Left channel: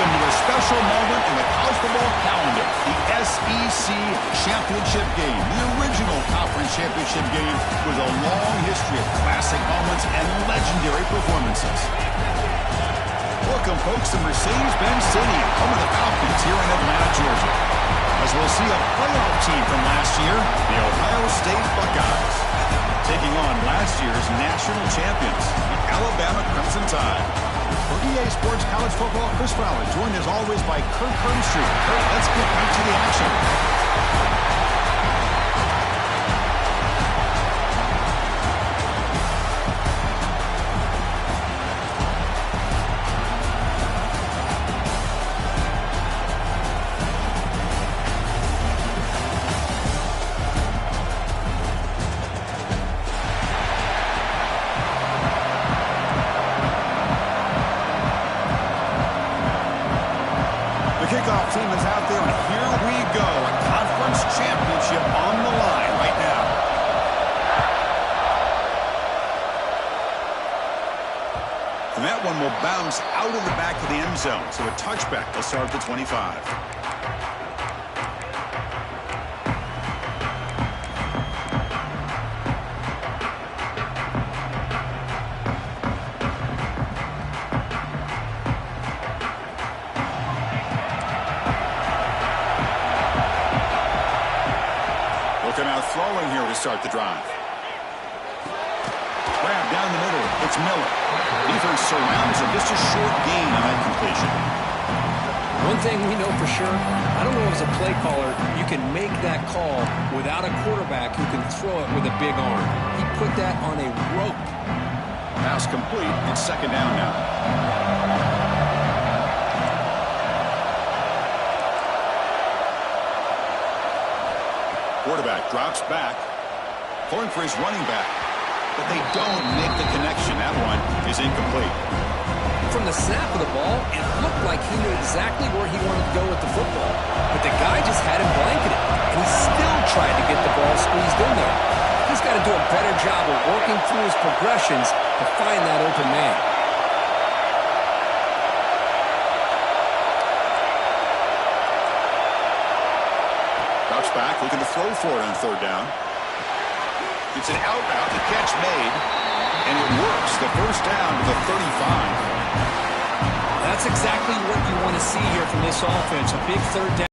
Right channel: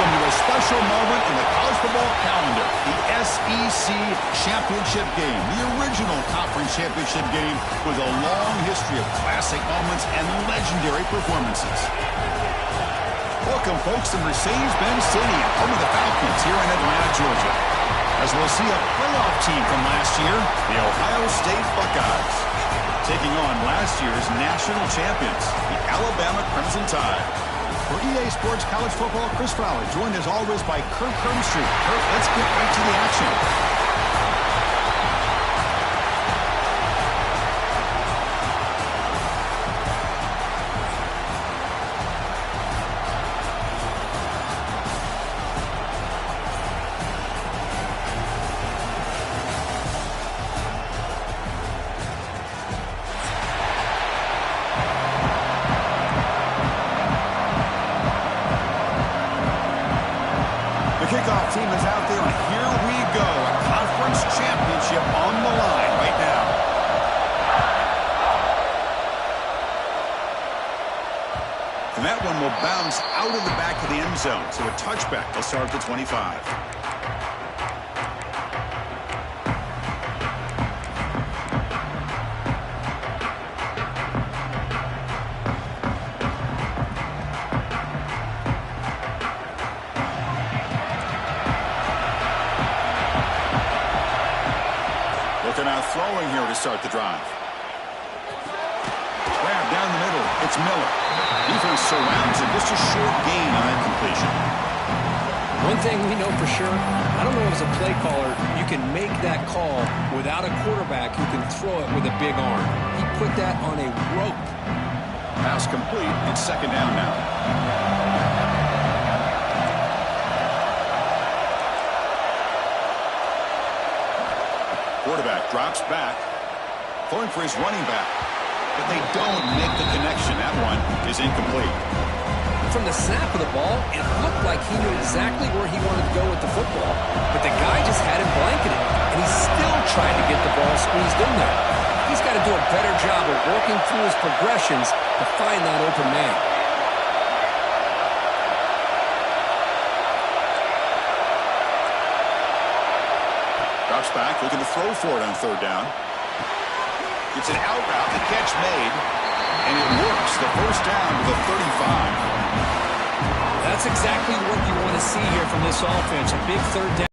Welcome to a special moment in the college football calendar, the SEC Championship game, the original conference championship game with a long history of classic moments and legendary performances. Welcome, folks, to Mercedes-Benz Stadium, home of the Falcons here in Atlanta, Georgia, as we'll see a playoff team from last year, the Ohio State Buckeyes, taking on last year's national champions, the Alabama Crimson Tide. For EA Sports College Football, Chris Fowler, joined as always by Kurt Street. Kurt, let's get right to the action. Kickoff team is out there, and here we go. A conference championship on the line right now. And that one will bounce out of the back of the end zone. So a touchback will start at the 25. Looking out throwing here to start the drive. Grab down the middle. It's Miller. Defense surrounds him. Just a short gain on that completion. One thing we know for sure, I don't know if as a play caller you can make that call without a quarterback who can throw it with a big arm. He put that on a rope. Pass complete. It's second down now. Quarterback drops back, throwing for his running back, but they don't make the connection. That one is incomplete. From the snap of the ball, it looked like he knew exactly where he wanted to go with the football, but the guy just had him blanketed, and he still tried to get the ball squeezed in there. He's got to do a better job of working through his progressions to find that open man. Drops back, looking to throw for it on third down. It's an out route, the catch made, and it works. The first down to the 35. That's exactly what you want to see here from this offense. A big third down.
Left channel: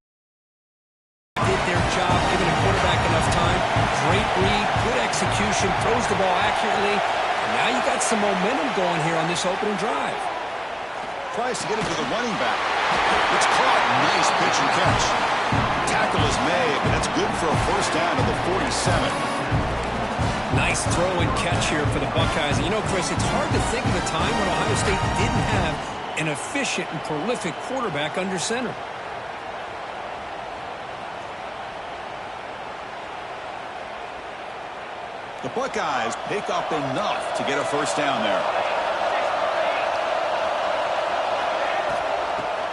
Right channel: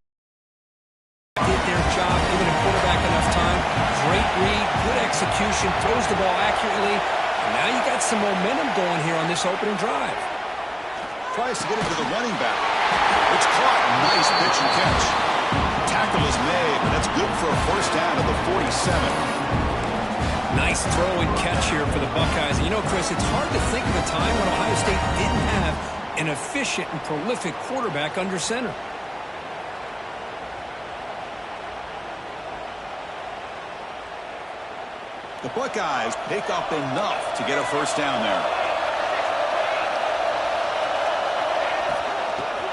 Did their job, giving a quarterback enough time. Great read, good execution, throws the ball accurately. And now you got some momentum going here on this opening drive. Tries to get it to the running back. It's caught. Nice pitch and catch. Tackle is made, but that's good for a first down to the 47. Nice throw and catch here for the Buckeyes. And you know, Chris, it's hard to think of a time when Ohio State didn't have an efficient and prolific quarterback under center. The Buckeyes pick up enough to get a first down there.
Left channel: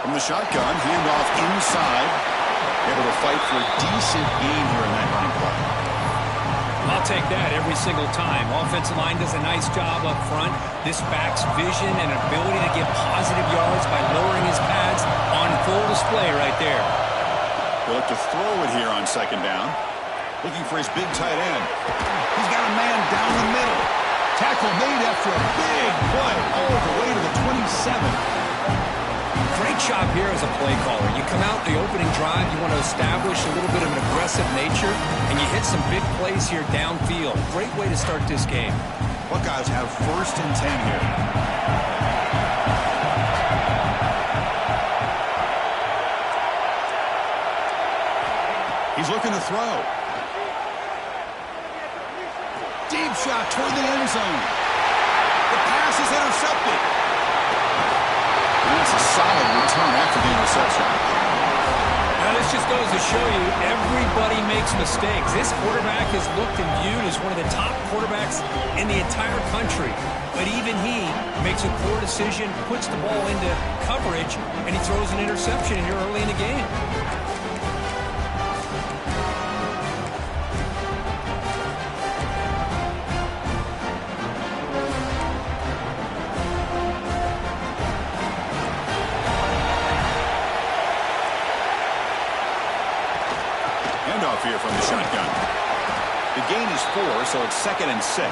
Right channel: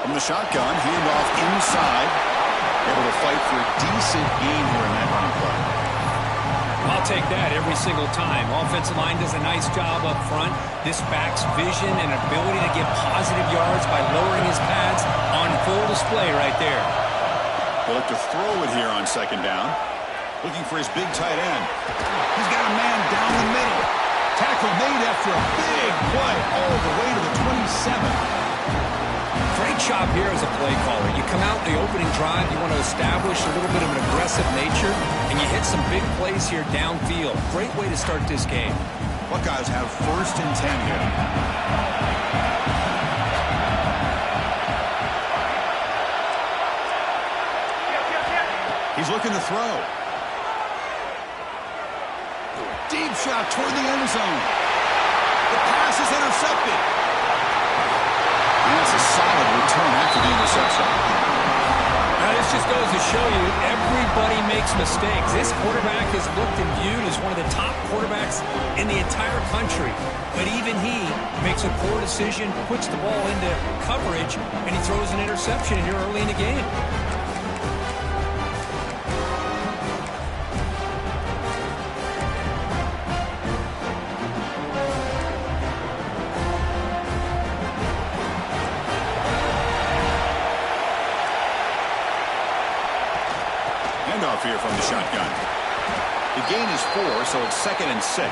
From the shotgun, handoff inside. Able to fight for a decent gain here in that running play. I'll take that every single time. Offensive line does a nice job up front. This back's vision and ability to get positive yards by lowering his pads on full display right there. They look to throw it here on second down. Looking for his big tight end. He's got a man down the middle. Tackle made after a big play all the way to the 27. Great job here as a play caller. You come out the opening drive, you want to establish a little bit of an aggressive nature, and you hit some big plays here downfield. Great way to start this game. Buckeyes have first and 10 here. He's looking to throw. Deep shot toward the end zone. The pass is intercepted. And that's a solid return after the interception. Now, this just goes to show you everybody makes mistakes. This quarterback is looked and viewed as one of the top quarterbacks in the entire country. But even he makes a poor decision, puts the ball into coverage, and he throws an interception here early in the game. handoff here from the shotgun. The gain is 4, so it's 2nd and 6.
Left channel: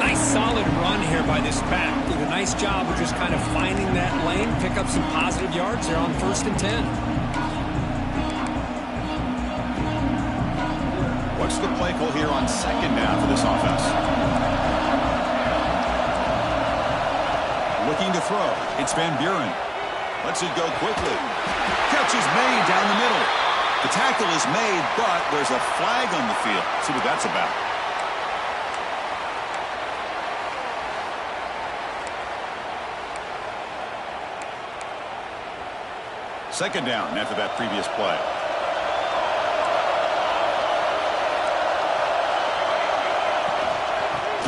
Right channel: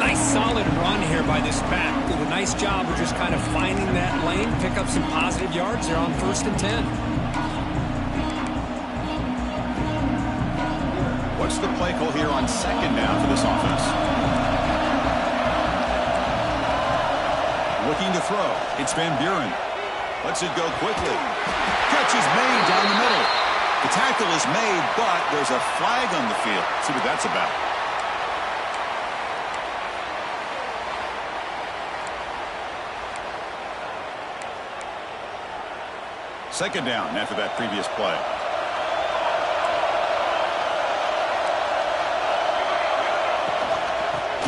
Nice solid run here by this back. Did a nice job of just kind of finding that lane, pick up some positive yards there on 1st and 10. What's the play call here on 2nd down for this offense? Looking to throw. It's Van Buren. Lets it go quickly. Catch is made down the middle. The tackle is made, but there's a flag on the field. Let's see what that's about. Second down after that previous play.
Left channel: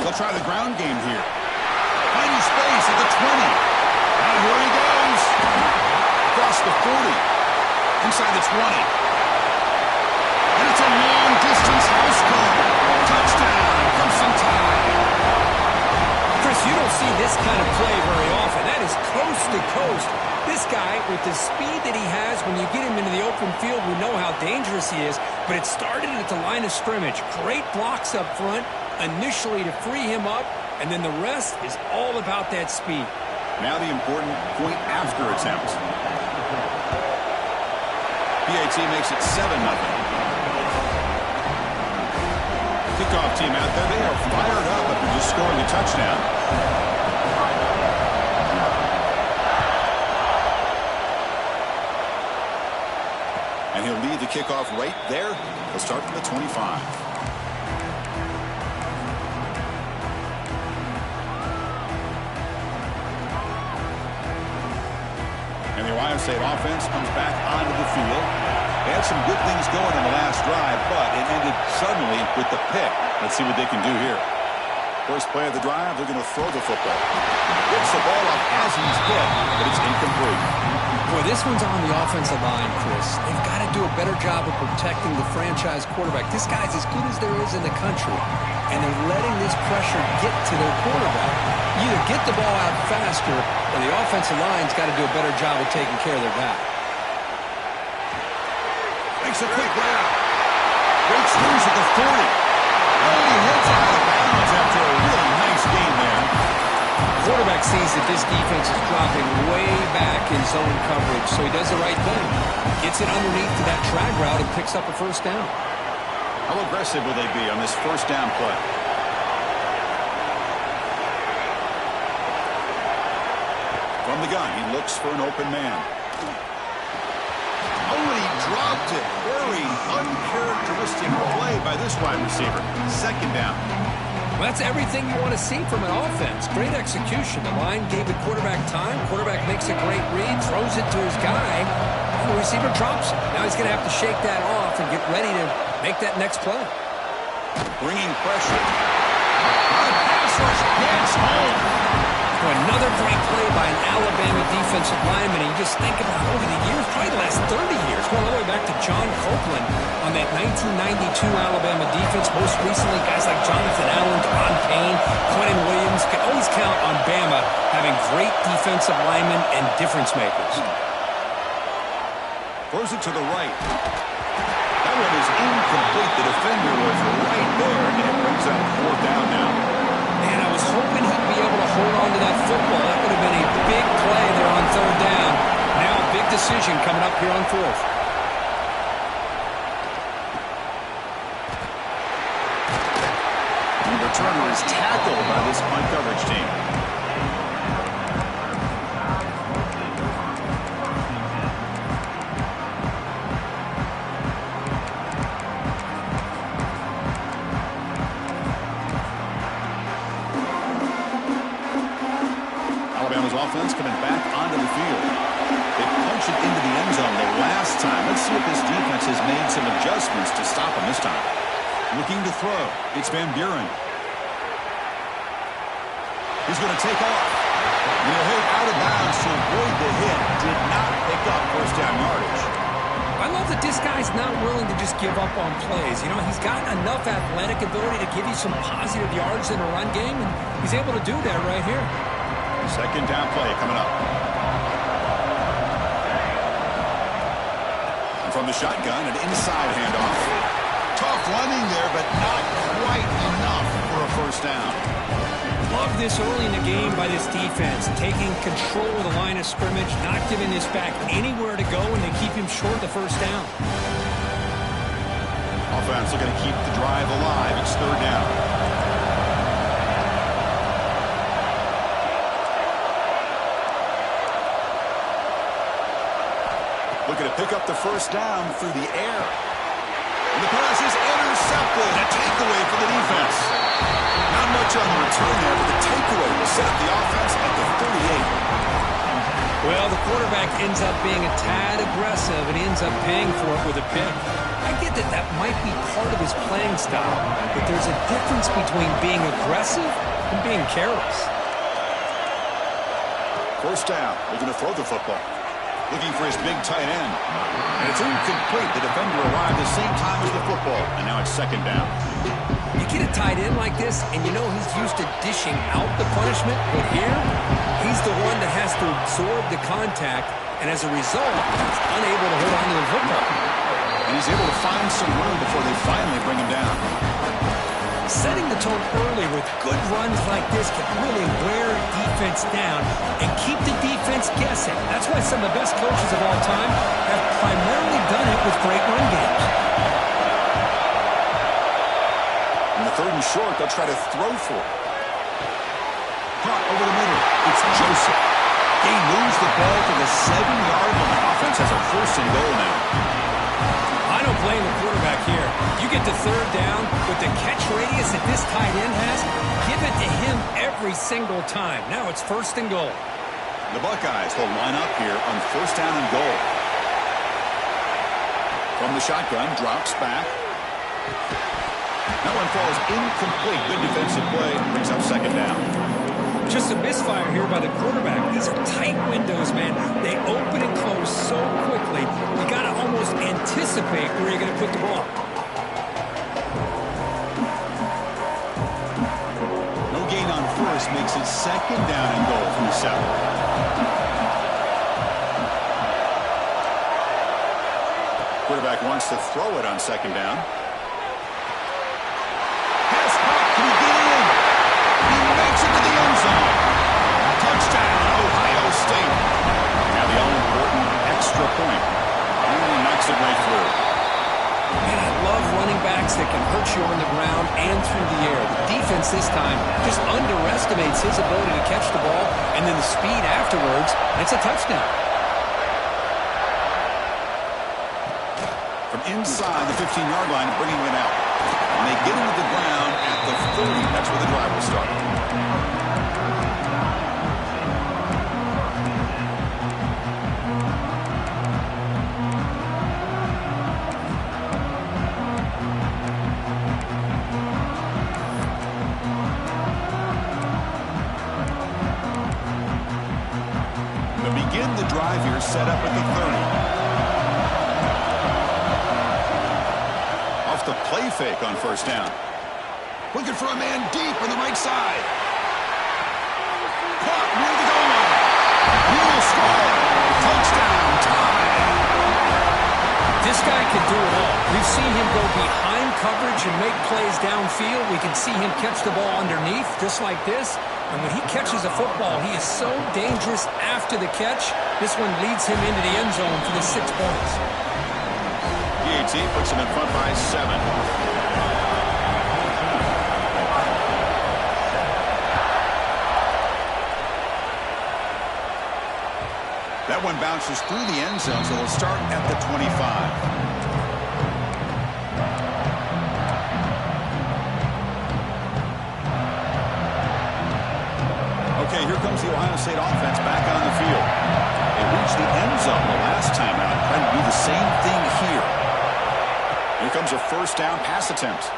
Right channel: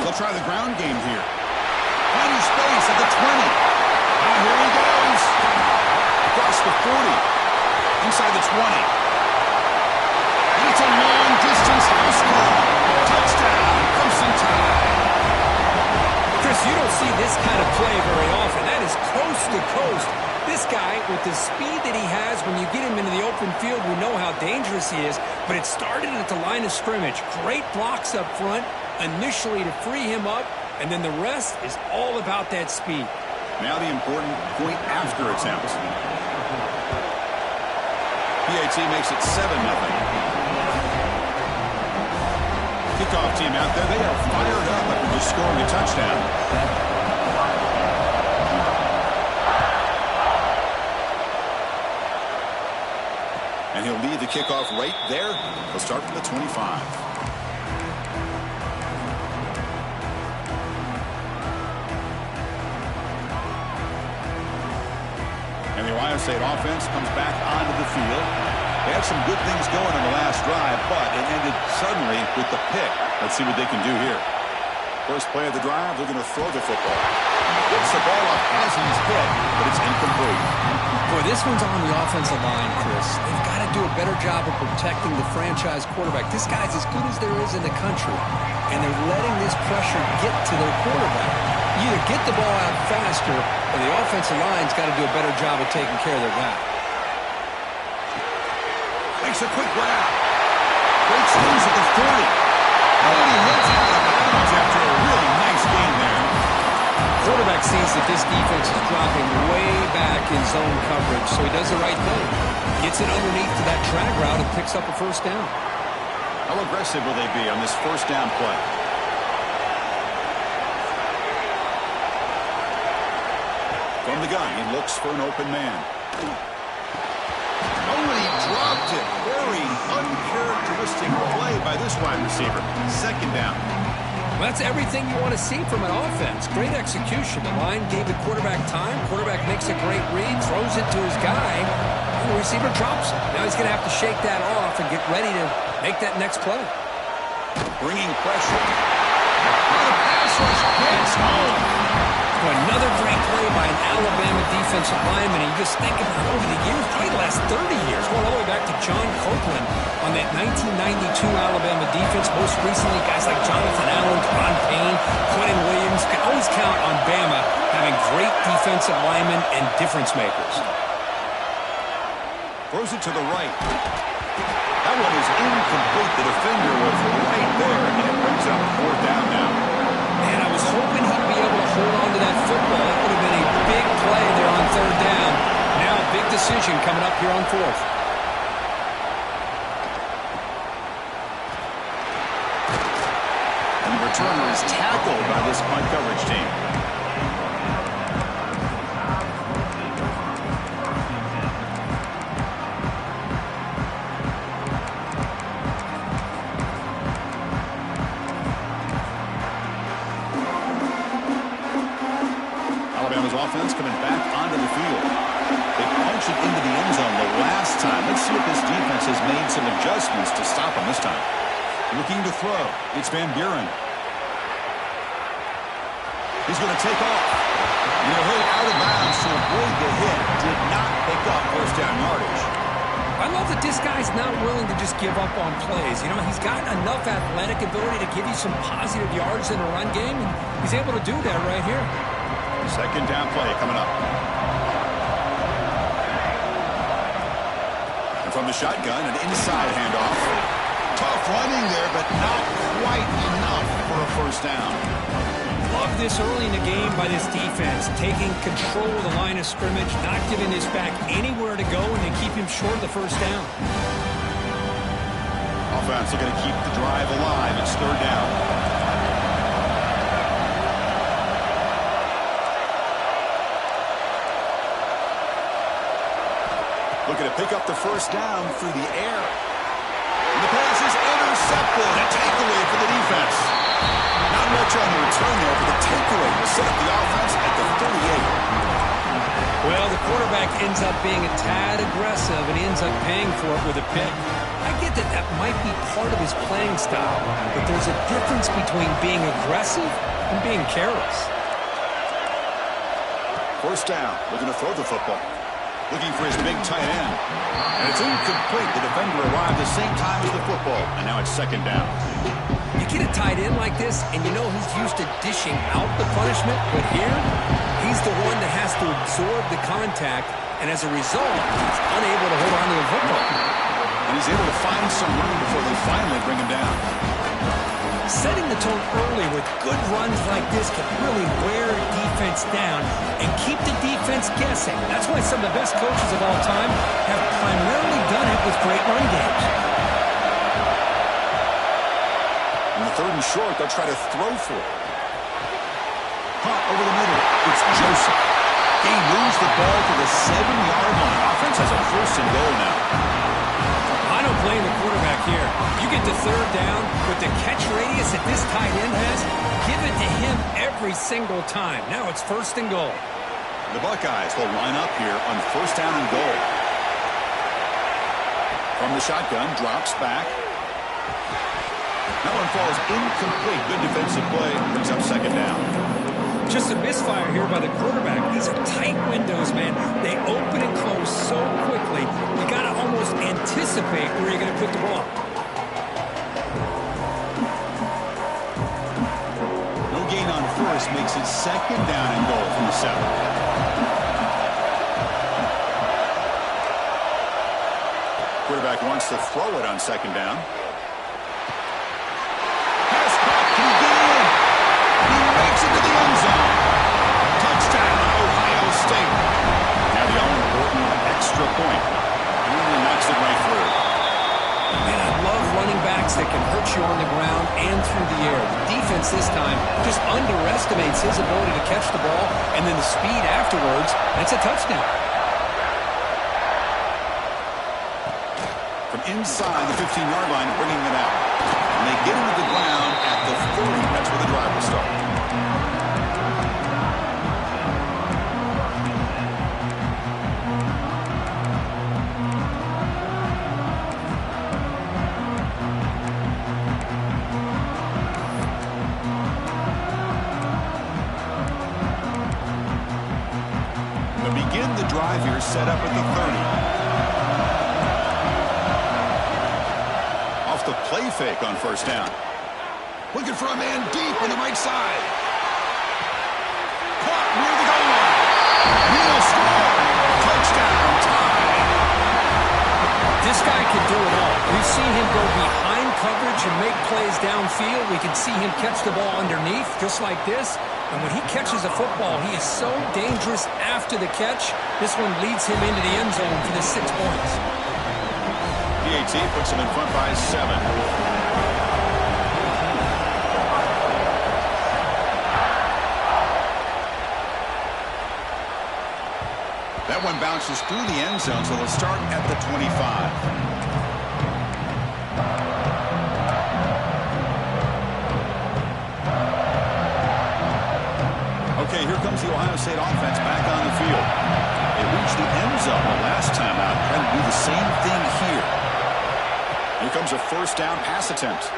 They'll try the ground game here. Finding space at the 20. Now here he goes. Across the 40. Inside the 20. And it's a long-distance house call. Touchdown, Crimson Tide. Chris, you don't see this kind of play very often. That is coast to coast. This guy, with the speed that he has, when you get him into the open field, we know how dangerous he is. But it started at the line of scrimmage. Great blocks up front, initially to free him up, and then the rest is all about that speed. Now the important point after attempt. PAT makes it 7-0. Kickoff team out there, they are fired up after just scoring a touchdown. And he'll lead the kickoff right there. He'll start from the 25. And the Ohio State offense comes back onto the field. They had some good things going on the last drive, but it ended suddenly with the pick. Let's see what they can do here. First play of the drive, they're going to throw the football. Gets the ball up as he's hit, but it's incomplete. Boy, this one's on the offensive line, Chris. They've got to do a better job of protecting the franchise quarterback. This guy's as good as there is in the country, and they're letting this pressure get to their quarterback. You either get the ball out faster, or the offensive line's got to do a better job of taking care of their guy. Makes a quick grab. Breaks loose at the 40. And he heads out of bounds after a really nice gain there. Quarterback sees that this defense is dropping way back in zone coverage, so he does the right thing. Gets it underneath to that drag route and picks up a first down. How aggressive will they be on this first down play? From the gun, he looks for an open man. Oh, and he dropped it. Very uncharacteristic play by this wide receiver. Second down. Well, that's everything you want to see from an offense. Great execution. The line gave the quarterback time. Quarterback makes a great read, throws it to his guy, and the receiver drops it. Now he's going to have to shake that off and get ready to make that next play. Bringing pressure. On a pass rush, gets home. Another great play by an Alabama defensive lineman. You just think about over the years, probably the last 30 years, going all the way back to John Copeland on that 1992 Alabama defense. Most recently, guys like Jonathan Allen, Deron Payne, Quentin Williams. Can always count on Bama having great defensive linemen and difference makers. Throws it to the right. That one is incomplete. The defender was right there, and it brings up 4th down now. Man, I was hoping he'd be able to hold on to that football. That would have been a big play there on 3rd down. Now a big decision coming up here on 4th. And the returner is tackled by this punt coverage team. Alabama's offense coming back onto the field. They punched it into the end zone the last time. Let's see if this defense has made some adjustments to stop them this time. Looking to throw. It's Van Buren. He's going to take off. And he'll hit out of bounds to avoid the hit. Did not pick up first down yardage. I love that this guy's not willing to just give up on plays. You know, he's got enough athletic ability to give you some positive yards in a run game, and he's able to do that right here. Second down play coming up. And from the shotgun, an inside handoff. Tough running there, but not quite enough for a first down. Love this early in the game by this defense, taking control of the line of scrimmage, not giving this back anywhere to go, and they keep him short of the first down. Offense looking to keep the drive alive. It's third down. Looking to pick up the first down through the air. And the pass is intercepted. A takeaway for the defense. Not much on the return there, but the takeaway will set up the offense at the 38. Well, the quarterback ends up being a tad aggressive, and he ends up paying for it with a pick. I get that that might be part of his playing style, but there's a difference between being aggressive and being careless. First down, looking to throw the football. Looking for his big tight end. And it's incomplete. The defender arrived the same time as the football, and now it's second down. You get a tight end like this, and you know he's used to dishing out the punishment, but here, he's the one that has to absorb the contact, and as a result, he's unable to hold on to the football. And he's able to find some room before they finally bring him down. Setting the tone early with good runs like this can really wear defense down and keep the defense guessing. That's why some of the best coaches of all time have primarily done it with great run games. In the third and short, they'll try to throw for it. Caught over the middle. It's Joseph. He moves the ball to the 7-yard line. Offense has a first and goal now. I don't blame the quarterback here. You get to third down with the catch radius that this tight end has, give it to him every single time. Now it's first and goal. The Buckeyes will line up here on first down and goal. From the shotgun, drops back. That one falls incomplete. Good defensive play. Brings up second down. Just a misfire here by the quarterback. These are tight windows, man. They open and close so quickly. You got to almost anticipate where you're going to put the ball. No gain on first makes it second down and goal from the 7. Quarterback wants to throw it on second down. Pass caught. Can he get in? He makes it to the end zone. Touchdown, Ohio State. Now the all-important extra point. Really knocks it right through. Man, I love running backs that can hurt you on the ground and through the air. The defense this time just underestimates his ability to catch the ball, and then the speed afterwards, and it's a touchdown. From inside the 15-yard line, bringing it out. And they get into the ground at the 30. That's where the drive will start. They begin the drive here, set up at the 30. Off the play fake on first down. Looking for a man deep on the right side. Caught near the goal line. He'll score. Touchdown, tie. This guy can do it all. We've seen him go behind coverage and make plays downfield. We can see him catch the ball underneath, just like this. And when he catches a football, he is so dangerous after the catch. This one leads him into the end zone for the 6 points. PAT puts him in front by 7. That one bounces through the end zone, so they'll start at the 25. Okay, here comes the Ohio State offense back on the field. They reached the end zone the last time out, trying to do the same thing here. Here comes a first down pass attempt.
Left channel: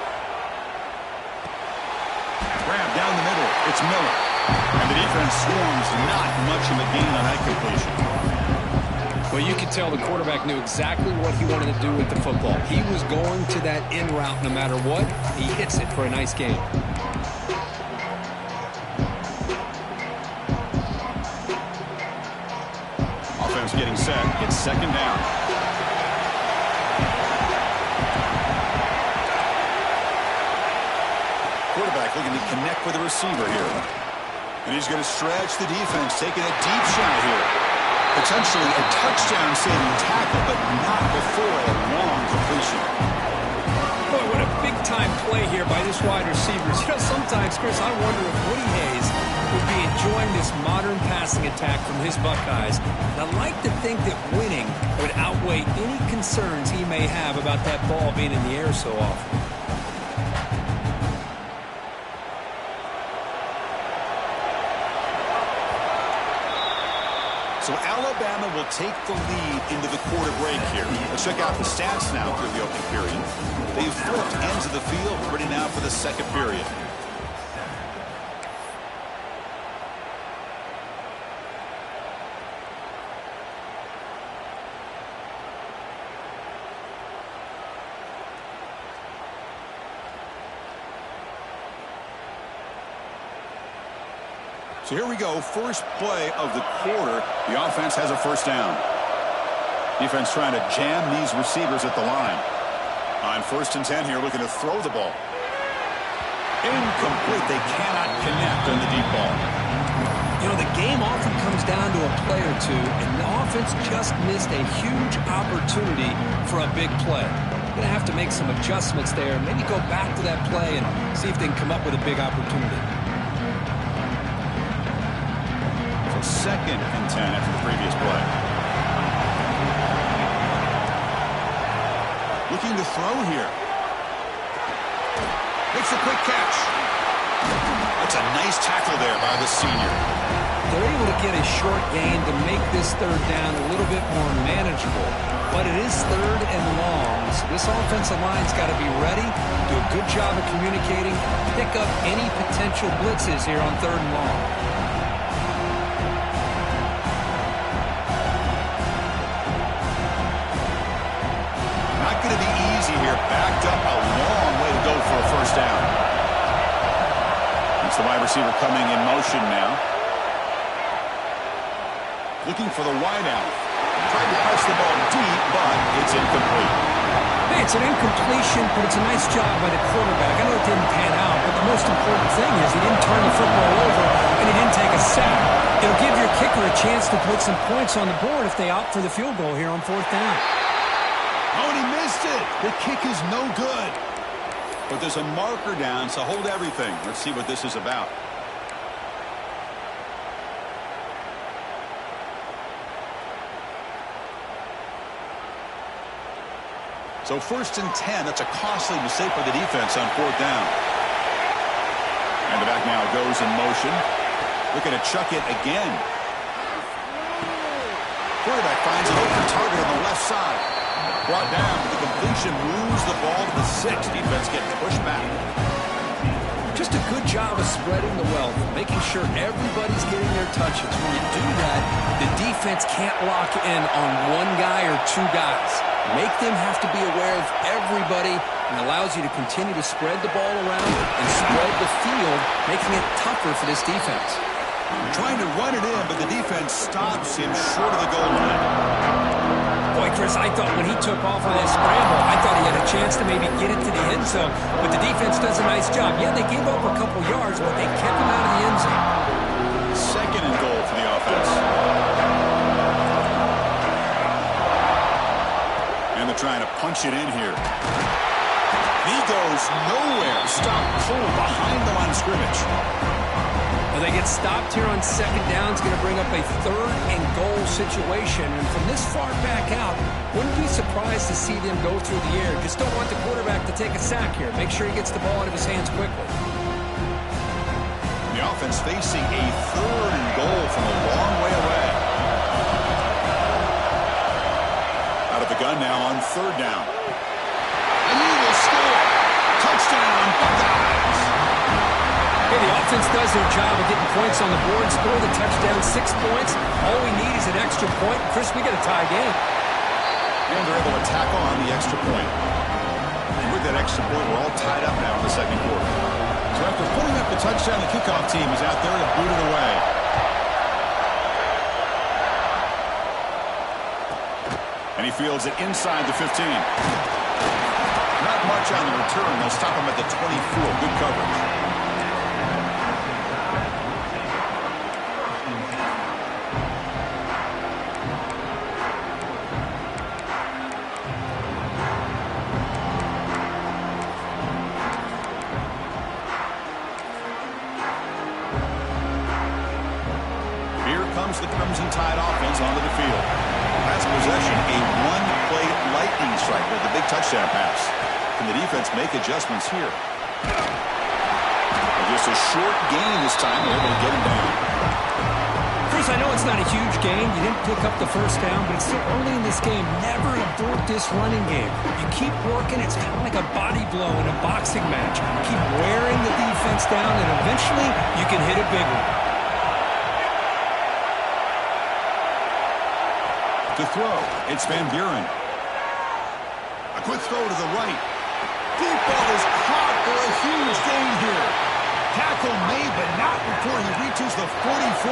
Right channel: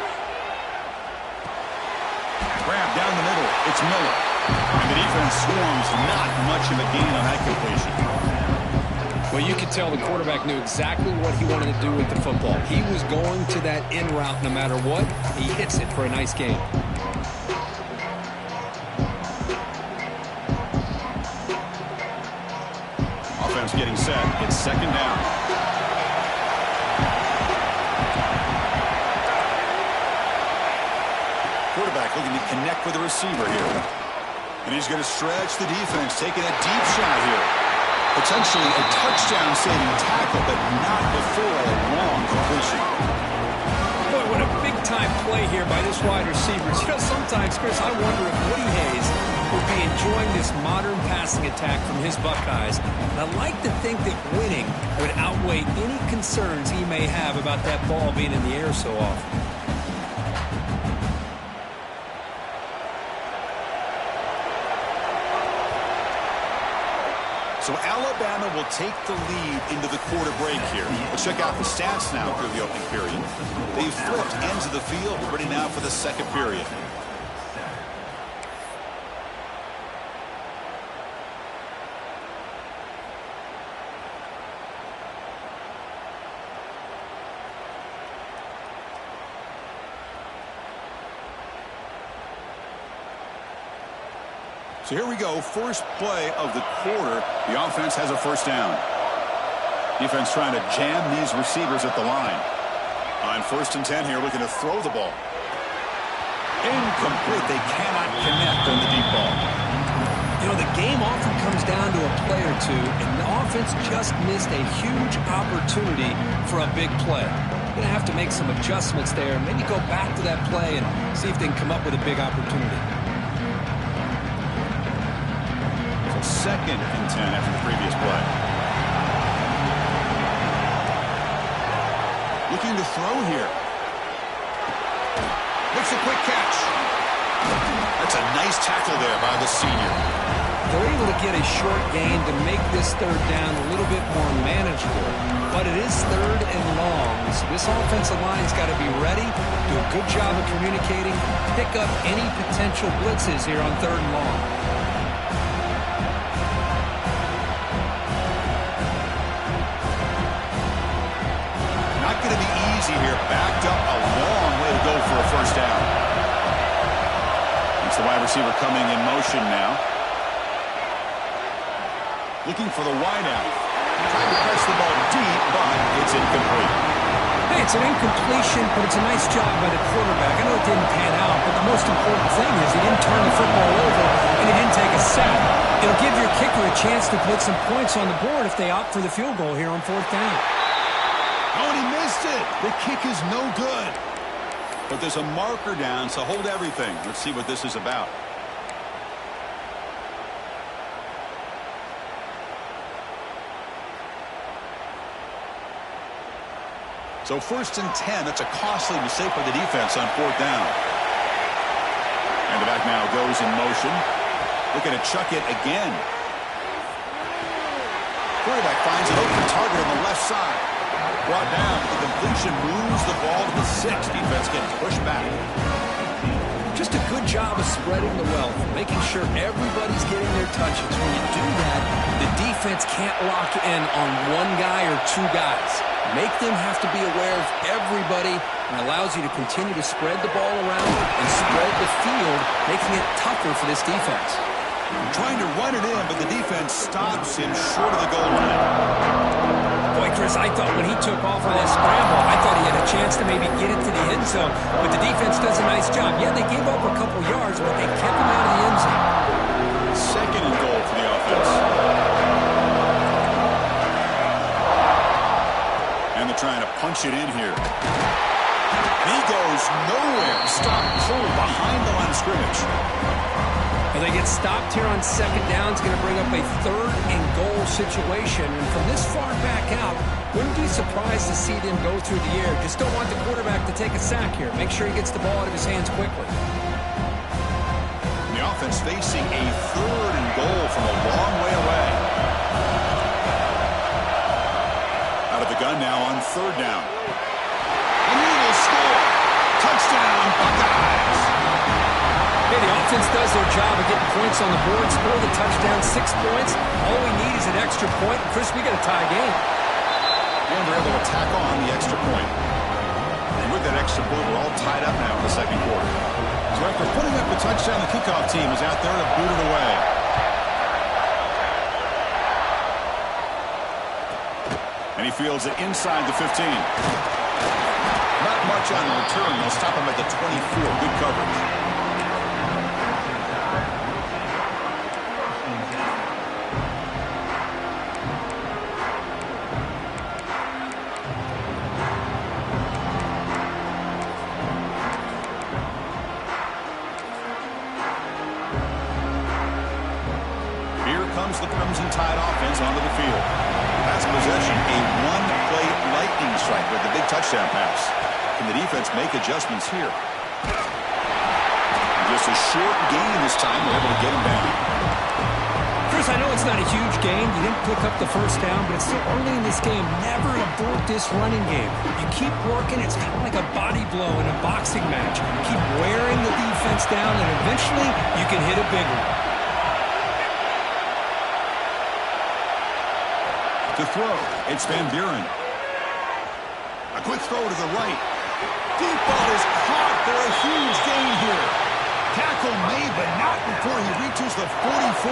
Grab down the middle. It's Miller. And the defense swarms. Not much of a gain on that completion. Well, you could tell the quarterback knew exactly what he wanted to do with the football. He was going to that in route no matter what. He hits it for a nice gain. Offense getting set. It's second down. quarterback looking to connect with the receiver here. And he's going to stretch the defense, taking a deep shot here. Potentially a touchdown-saving tackle, but not before a long completion. Boy, what a big-time play here by this wide receiver. You know, sometimes, Chris, I wonder if Woody Hayes would be enjoying this modern passing attack from his Buckeyes. And I like to think that winning would outweigh any concerns he may have about that ball being in the air so often. So Alabama will take the lead into the quarter break here. Let's check out the stats now through the opening period. They've flipped ends of the field, ready now for the second period. So here we go, first play of the quarter. The offense has a first down. Defense trying to jam these receivers at the line. On 1st and 10 here, looking to throw the ball. Incomplete. They cannot connect on the deep ball. You know, the game often comes down to a play or two, and the offense just missed a huge opportunity for a big play. Going to have to make some adjustments there, maybe go back to that play and see if they can come up with a big opportunity. 2nd and 10 after the previous play. Looking to throw here. Makes a quick catch. That's a nice tackle there by the senior. They're able to get a short gain to make this 3rd down a little bit more manageable. But it is 3rd and long, so this offensive line's got to be ready, do a good job of communicating, pick up any potential blitzes here on 3rd and long. Not going to be easy here. Backed up a long way to go for a first down. It's the wide receiver coming in motion now. Looking for the wideout. Trying to press the ball deep, but it's incomplete. Hey, it's an incompletion, but it's a nice job by the quarterback. I know it didn't pan out, but the most important thing is he didn't turn the football over and he didn't take a sack. It'll give your kicker a chance to put some points on the board if they opt for the field goal here on 4th down. Oh, and he missed it. The kick is no good. But there's a marker down, so hold everything. Let's see what this is about. So 1st and 10, that's a costly mistake by the defense on 4th down. And the back now goes in motion. Looking to chuck it again. Quarterback finds an open target on the left side. Brought down, but the completion moves the ball to the 6. Defense getting pushed back. Just a good job of spreading the wealth, making sure everybody's getting their touches. When you do that, the defense can't lock in on one guy or 2 guys. Make them have to be aware of everybody, and allows you to continue to spread the ball around and spread the field, making it tougher for this defense. Trying to run it in, but the defense stops him short of the goal line. Boy, Chris, I thought when he took off on that scramble, I thought he had a chance to maybe get it to the end zone. But the defense does a nice job. Yeah, they gave up a couple yards, but they kept him out of the end zone. 2nd and goal for the offense. And they're trying to punch it in here. And he goes nowhere. Stop cold behind the line of scrimmage. Well, they get stopped here on 2nd down. It's going to bring up a 3rd and goal situation. And from this far back out, wouldn't be surprised to see them go through the air. Just don't want the quarterback to take a sack here. Make sure he gets the ball out of his hands quickly. The offense facing a 3rd and goal from a long way away. Out of the gun now on 3rd down. And he will score. Touchdown, Buckeyes. Hey, the offense does their job of getting points on the board, score the touchdown, 6 points. All we need is an extra point. Chris, we got a tie game. And they're able to tack on the extra point. And with that extra point, we're all tied up now in the 2nd quarter. So after putting up the touchdown, the kickoff team is out there to boot it away. And he fields it inside the 15. Not much on the return. They'll stop him at the 24. Good coverage. comes the Crimson Tide offense onto the field. Last possession, a one-play lightning strike with the big touchdown pass. Can the defense make adjustments here? And just a short gain this time. They're able to get him down. Chris, I know it's not a huge gain. You didn't pick up the first down, but it's still early in this game. Never abort this running game. You keep working. It's kind of like a body blow in a boxing match. Keep wearing the defense down, and eventually you can hit a big one. To throw, it's Van Buren. A quick throw to the right. Deep ball is caught for a huge gain here. Tackle made, but not before he reaches the 44.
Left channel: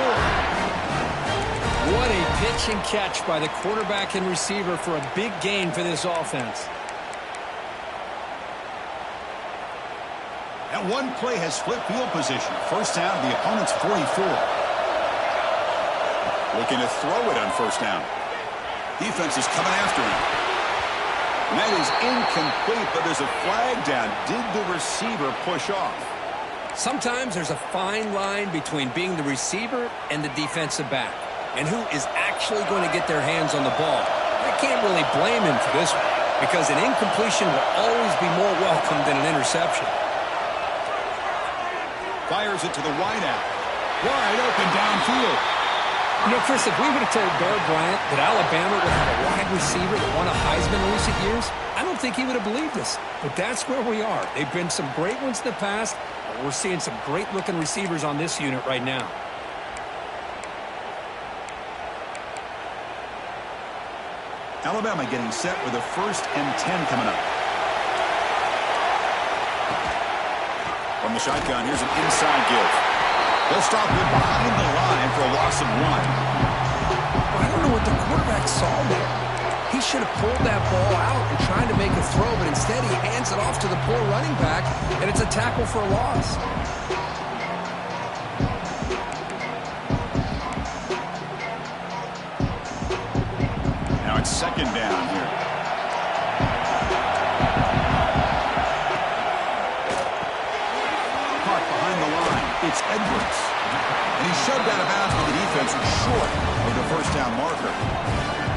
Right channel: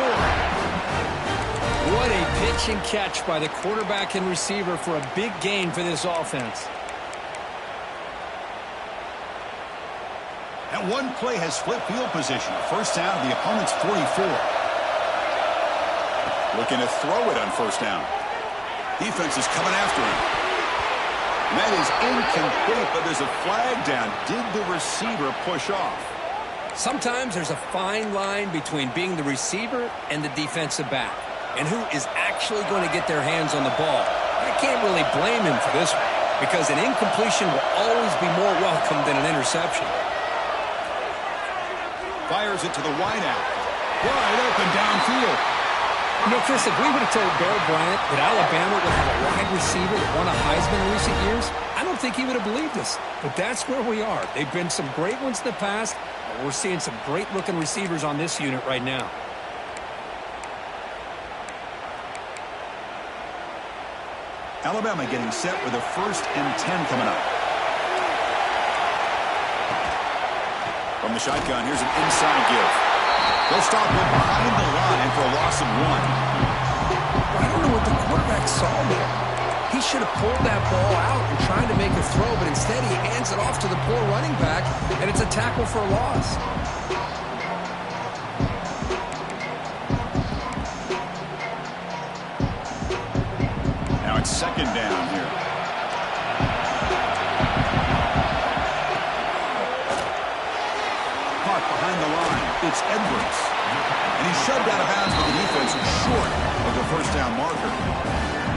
What a pitch and catch by the quarterback and receiver for a big gain for this offense. And one play has flipped field position. First down to the opponent's 44. Looking to throw it on first down. Defense is coming after him. And that is incomplete, but there's a flag down. Did the receiver push off? Sometimes there's a fine line between being the receiver and the defensive back, and who is actually going to get their hands on the ball. I can't really blame him for this one, because an incompletion will always be more welcome than an interception. Fires it to the wideout. Wide open downfield. You know, Chris, if we would have told Bear Bryant that Alabama would have a wide receiver that won a Heisman in recent years, I don't think he would have believed us. But that's where we are. They've been some great ones in the past, and we're seeing some great-looking receivers on this unit right now. Alabama getting set with a 1st and 10 coming up. From the shotgun, here's an inside give. They'll stop him behind the line for a loss of 1. Well, I don't know what the quarterback saw there. He should have pulled that ball out and tried to make a throw, but instead he hands it off to the poor running back, and it's a tackle for a loss. Now it's 2nd down here. Caught behind the line. It's Edwards. And he's shoved out of bounds with the defense short of the first down marker.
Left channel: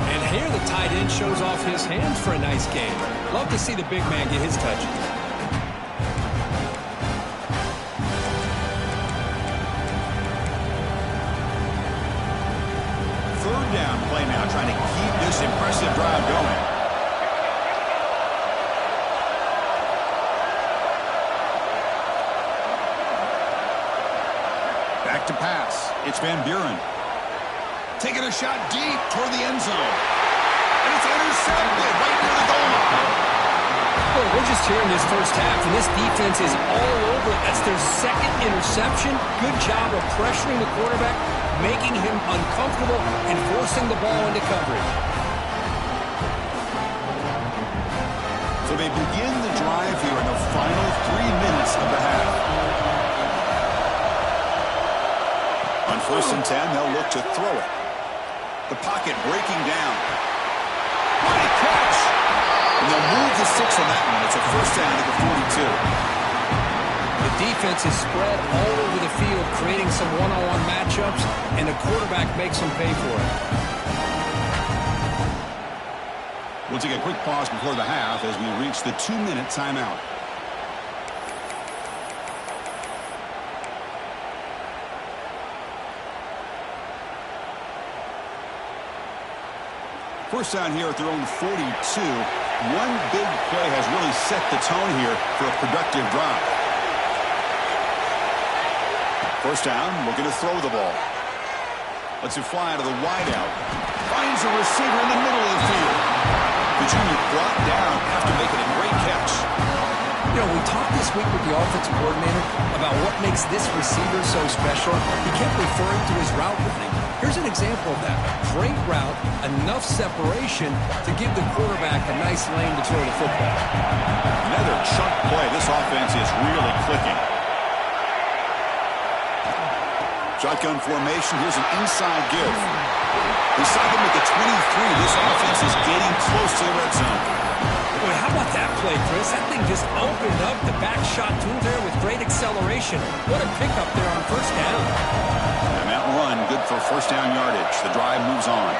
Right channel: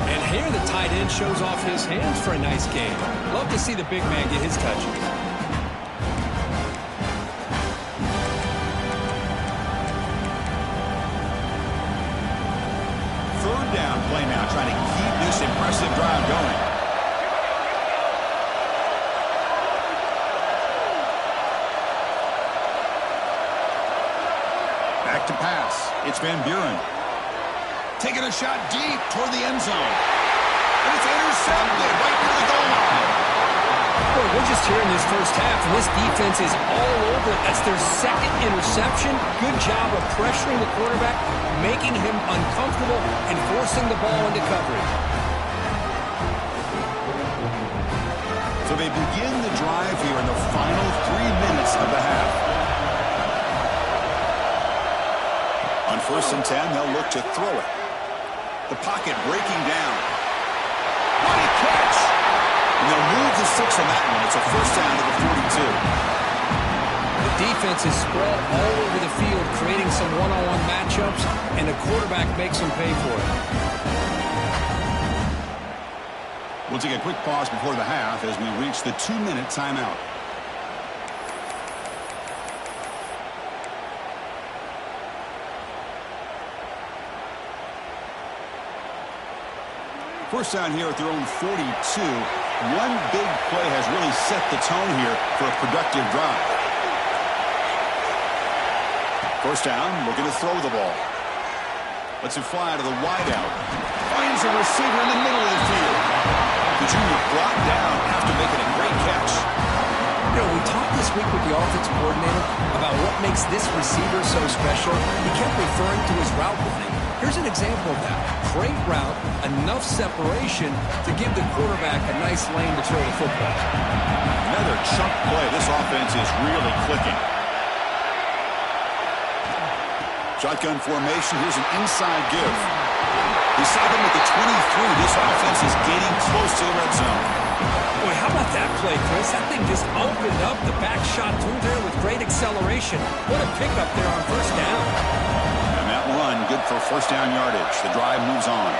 And here the tight end shows off his hands for a nice gain. Love to see the big man get his touches. Third down play now, trying to keep this impressive drive going. Back to pass. It's Van Buren. Taking a shot deep toward the end zone. And it's intercepted right near the goal line. Boy, we're just here in this first half, and this defense is all over it. That's their 2nd interception. Good job of pressuring the quarterback, making him uncomfortable, and forcing the ball into coverage. So they begin the drive here in the final 3 minutes of the half. On 1st and 10, they'll look to throw it. The pocket breaking down. What a catch! And they'll move the 6 on that one. It's a first down to the 42. The defense is spread all over the field, creating some one-on-one matchups, and the quarterback makes them pay for it. We'll take a quick pause before the half as we reach the 2-minute timeout. First down here at their own 42. One big play has really set the tone here for a productive drive. First down, looking to throw the ball. Lets it fly to the wideout. Finds a receiver in the middle of the field. The junior brought down after making a great catch. You know, we talked this week with the offensive coordinator about what makes this receiver so special. He kept referring to his route running. Here's an example of that. Great route, enough separation to give the quarterback a nice lane to throw the football. Another chunk play. This offense is really clicking. Shotgun formation. Here's an inside give. We saw them at the 23. This offense is getting close to the red zone. Boy, how about that play, Chris? That thing just opened up the back shot through there with great acceleration. What a pickup there on first down. And that run and good for first down yardage. The drive moves on.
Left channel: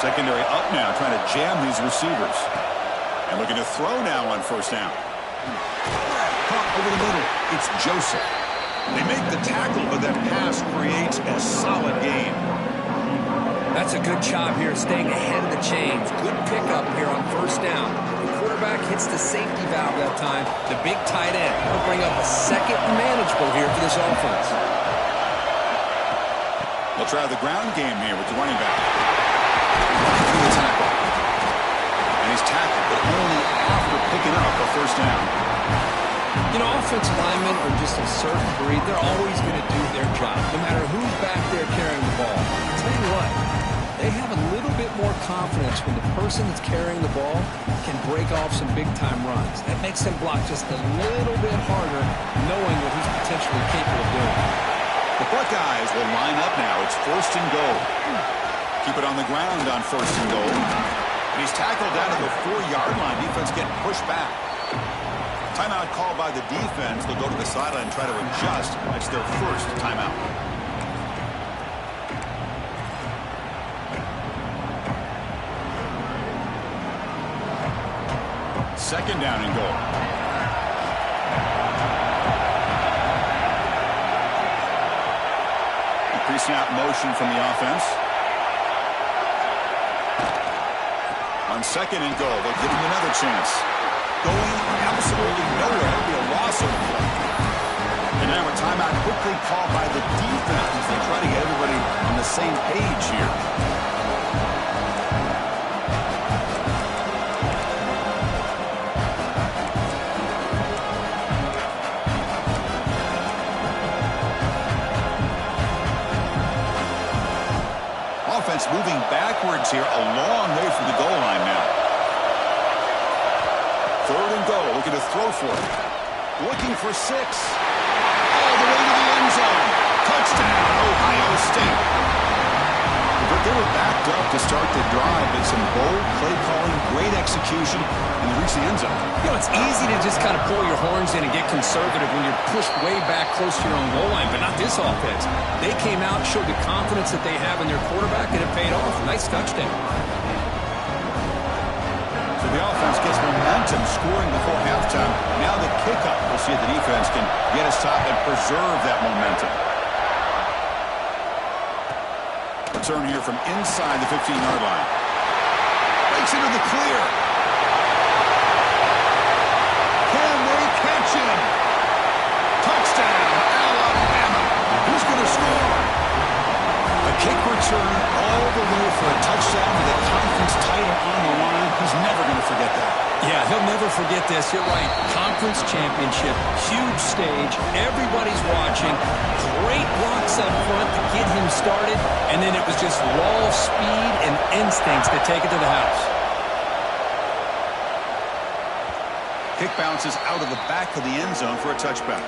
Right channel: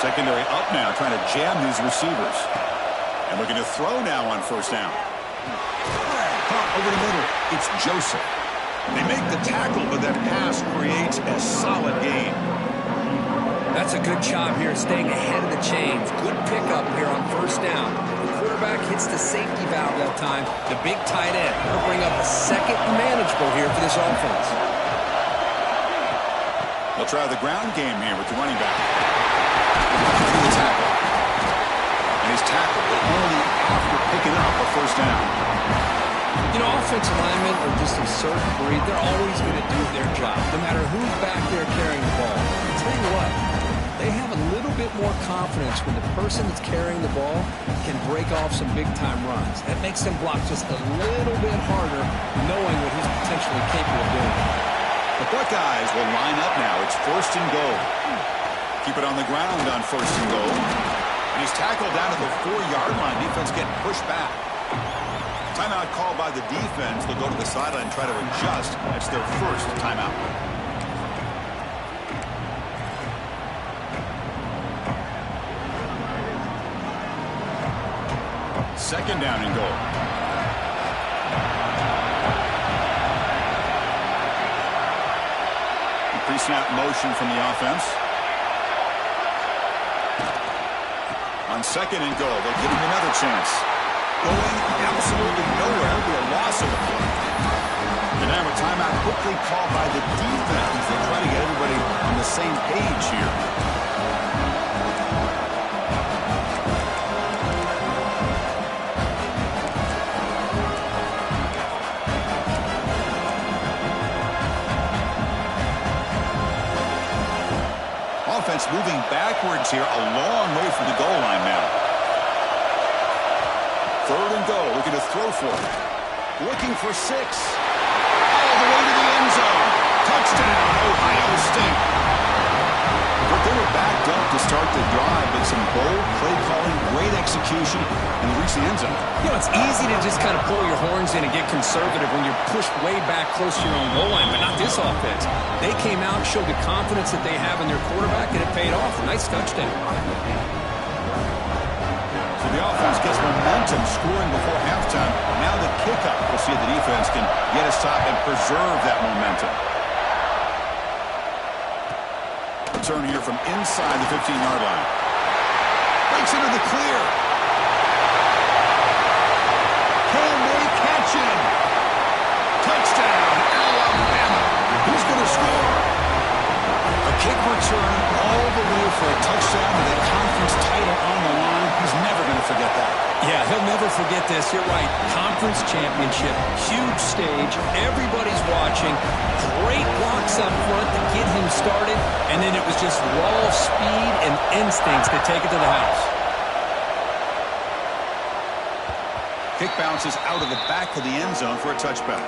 Secondary up now, trying to jam these receivers. And looking to throw now on first down. Caught over the middle. It's Joseph. They make the tackle, but that pass creates a solid gain. That's a good job here, staying ahead of the chains. Good pickup here on first down. The quarterback hits the safety valve that time. The big tight end. That'll bring up a second and manageable here for this offense. They'll try the ground game here with the running back. Running through the tackle. And he's tackled, but only after picking up a first down. You know, offensive linemen are just a certain breed. They're always going to do their job, no matter who's back there carrying the ball. I'll tell you what, they have a little bit more confidence when the person that's carrying the ball can break off some big-time runs. That makes them block just a little bit harder, knowing what he's potentially capable of doing. The Buckeyes will line up now. It's first and goal. Keep it on the ground on first and goal. And he's tackled down at the 4-yard line. Defense getting pushed back. Timeout called by the defense. They'll go to the sideline and try to adjust. That's their first timeout. Second down and goal. Pre-snap motion from the offense. On second and goal, they'll give him another chance. Going absolutely nowhere. It'll be a loss of the play. And now a timeout quickly called by the defense as they try to get everybody on the same page here. Offense moving backwards here, a long way from the goal line now. Third and goal, looking to throw for it. Looking for 6. All the way to the end zone. Touchdown, Ohio State. But they were backed up to start the drive, but some bold play calling, great execution, and they reached the end zone. You know, it's easy to just kind of pull your horns in and get conservative when you're pushed way back close to your own goal line, but not this offense. They came out, showed the confidence that they have in their quarterback, and it paid off. Nice touchdown. So the offense gets momentum, scoring before halftime. Now the kickoff. We'll see if the defense can get a stop and preserve that momentum. Return here from inside the 15-yard line. Breaks into the clear. Can they catch him? Touchdown, Alabama. Who's going to score? A kick return all the way for a touchdown with a conference title on the line. He's never going to forget that. Yeah, he'll never forget this. You're right. Conference championship, huge stage. Everybody's watching. Great blocks up front to get him started. And then it was just raw speed and instincts to take it to the house. Kick bounces out of the back of the end zone for a touchback.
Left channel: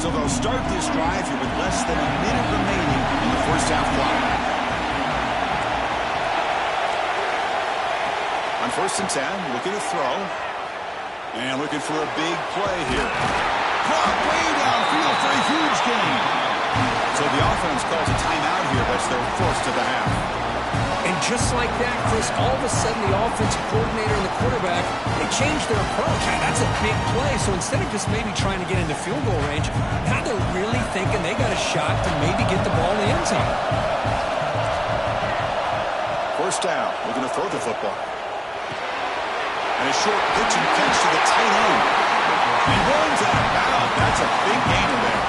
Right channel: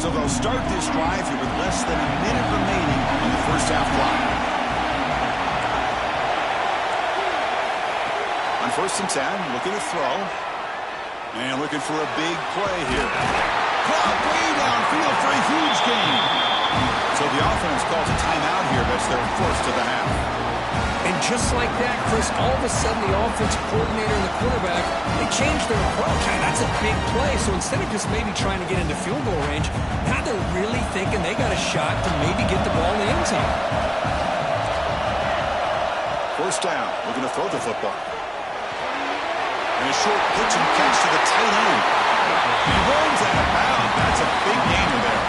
So they'll start this drive here with less than a minute remaining on the first half clock. On first and 10, looking to throw. And looking for a big play here. Caught way downfield for a huge gain. So the offense calls a timeout here. That's their first of the half. And just like that, Chris, all of a sudden the offensive coordinator and the quarterback, they changed their approach. Hey, that's a big play. So instead of just maybe trying to get into field goal range, now they're really thinking they got a shot to maybe get the ball in the end zone. First down, looking to throw the football. And a short pitch and catch to the tight end. And he runs out of bounds. That's a big gainer there.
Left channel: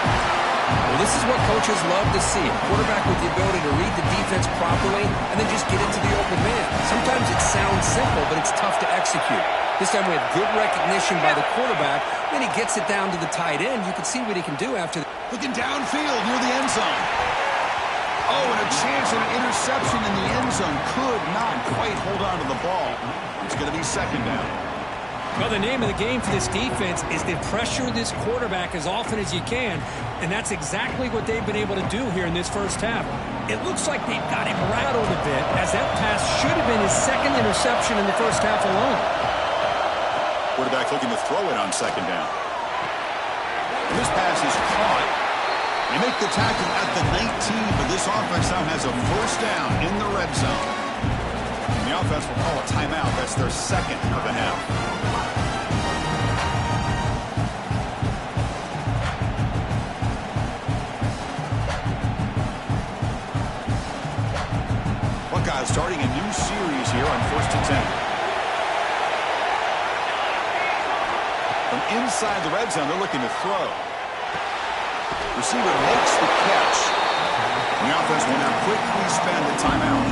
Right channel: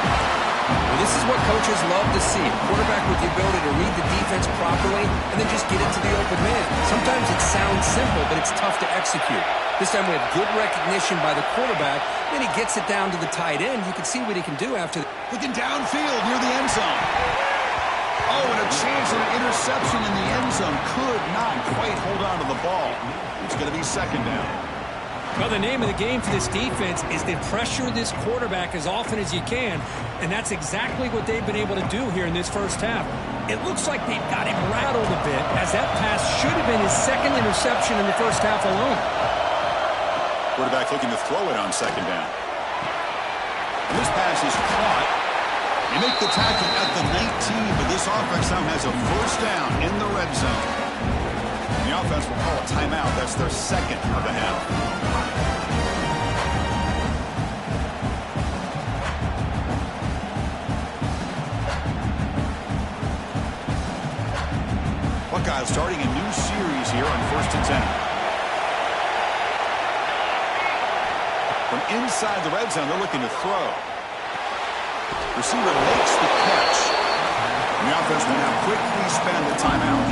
Well, this is what coaches love to see. A quarterback with the ability to read the defense properly and then just get into the open man. Sometimes it sounds simple, but it's tough to execute. This time we have good recognition by the quarterback. Then he gets it down to the tight end. You can see what he can do after. Looking downfield near the end zone. Oh, and a chance at an interception in the end zone. Could not quite hold on to the ball. It's going to be second down. Well, the name of the game for this defense is to pressure this quarterback as often as you can, and that's exactly what they've been able to do here in this first half. It looks like they've got him rattled a bit, as that pass should have been his second interception in the first half alone. Quarterback looking to throw it on second down. And this pass is caught. They make the tackle at the 19, but this offense now has a first down in the red zone. And the offense will call a timeout. That's their second of the half. Buckeyes starting a new series here on 1st and 10. From inside the red zone, they're looking to throw. Receiver makes the catch. And the offense will now quickly spend the timeout.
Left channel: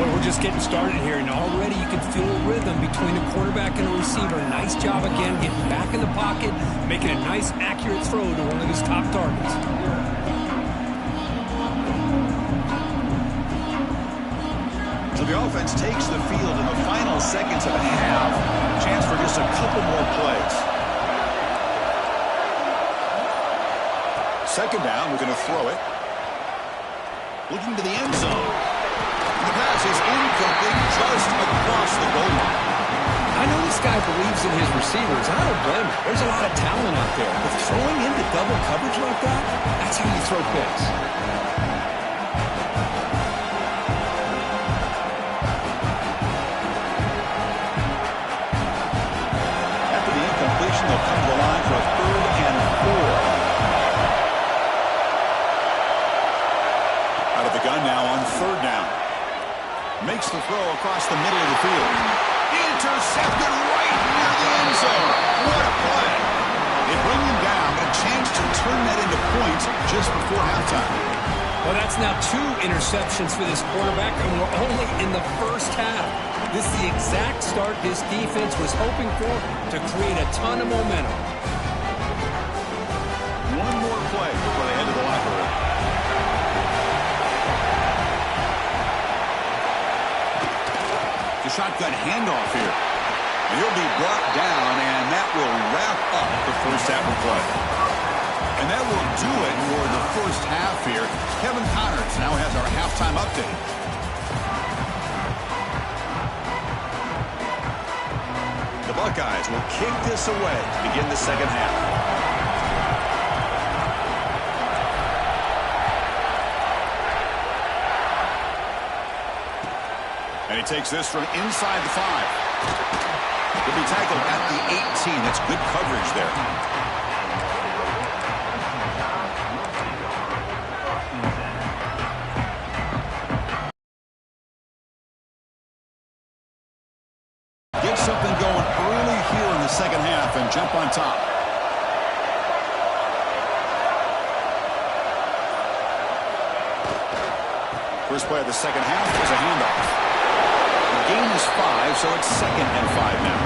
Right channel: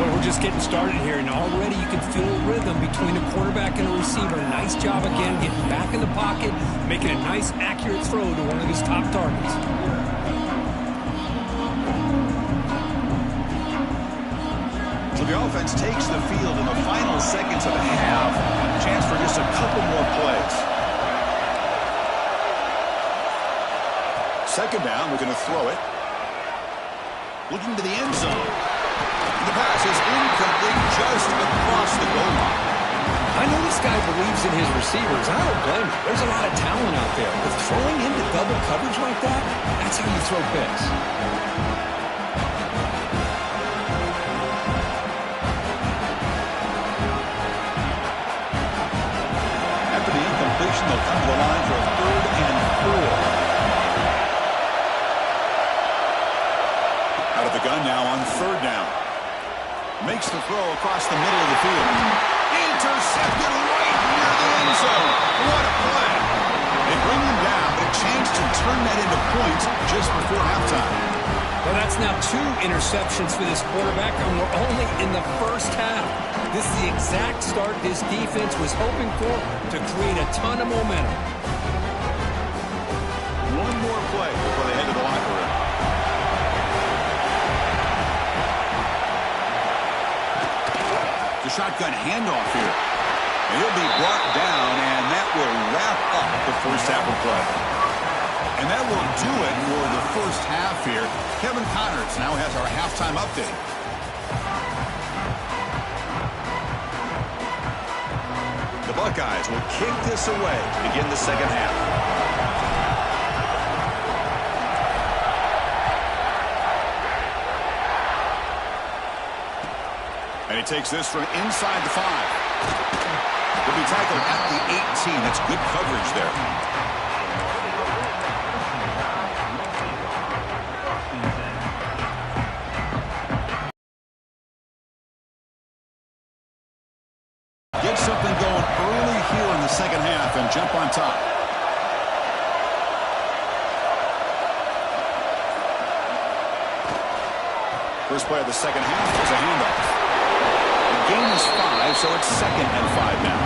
Well, we're just getting started here, and already you can feel a rhythm between a quarterback and a receiver. Nice job again getting back in the pocket, making a nice, accurate throw to one of his top targets. So the offense takes the field in the final seconds of the half. Chance for just a couple more plays. Second down, we're going to throw it. Looking to the end zone. The pass is incomplete just across the goal line. I know this guy believes in his receivers, and I don't blame him. There's a lot of talent out there, but throwing into double coverage like that, that's how you throw picks. After the incompletion, they'll come to the line for a 3rd and 4. Out of the gun now on 3rd down. Makes the throw across the middle of the field. Intercepted right near the end zone. What a play. They bring him down, but a chance to turn that into points just before halftime. Well, that's now 2 interceptions for this quarterback, and we're only in the first half. This is the exact start this defense was hoping for to create a ton of momentum. One more play before they head to the locker room. The shotgun handoff here. And he'll be brought down, and that will wrap up the first half of play. And that will do it for the first half here. Kevin Connors now has our halftime update. The Buckeyes will kick this away to begin the second half. And he takes this from inside the 5. He'll be tackled at the 18. That's good coverage there. Get something going early here in the second half and jump on top. First play of the second half is a handoff. Gain is 5, so it's 2nd and 5 now.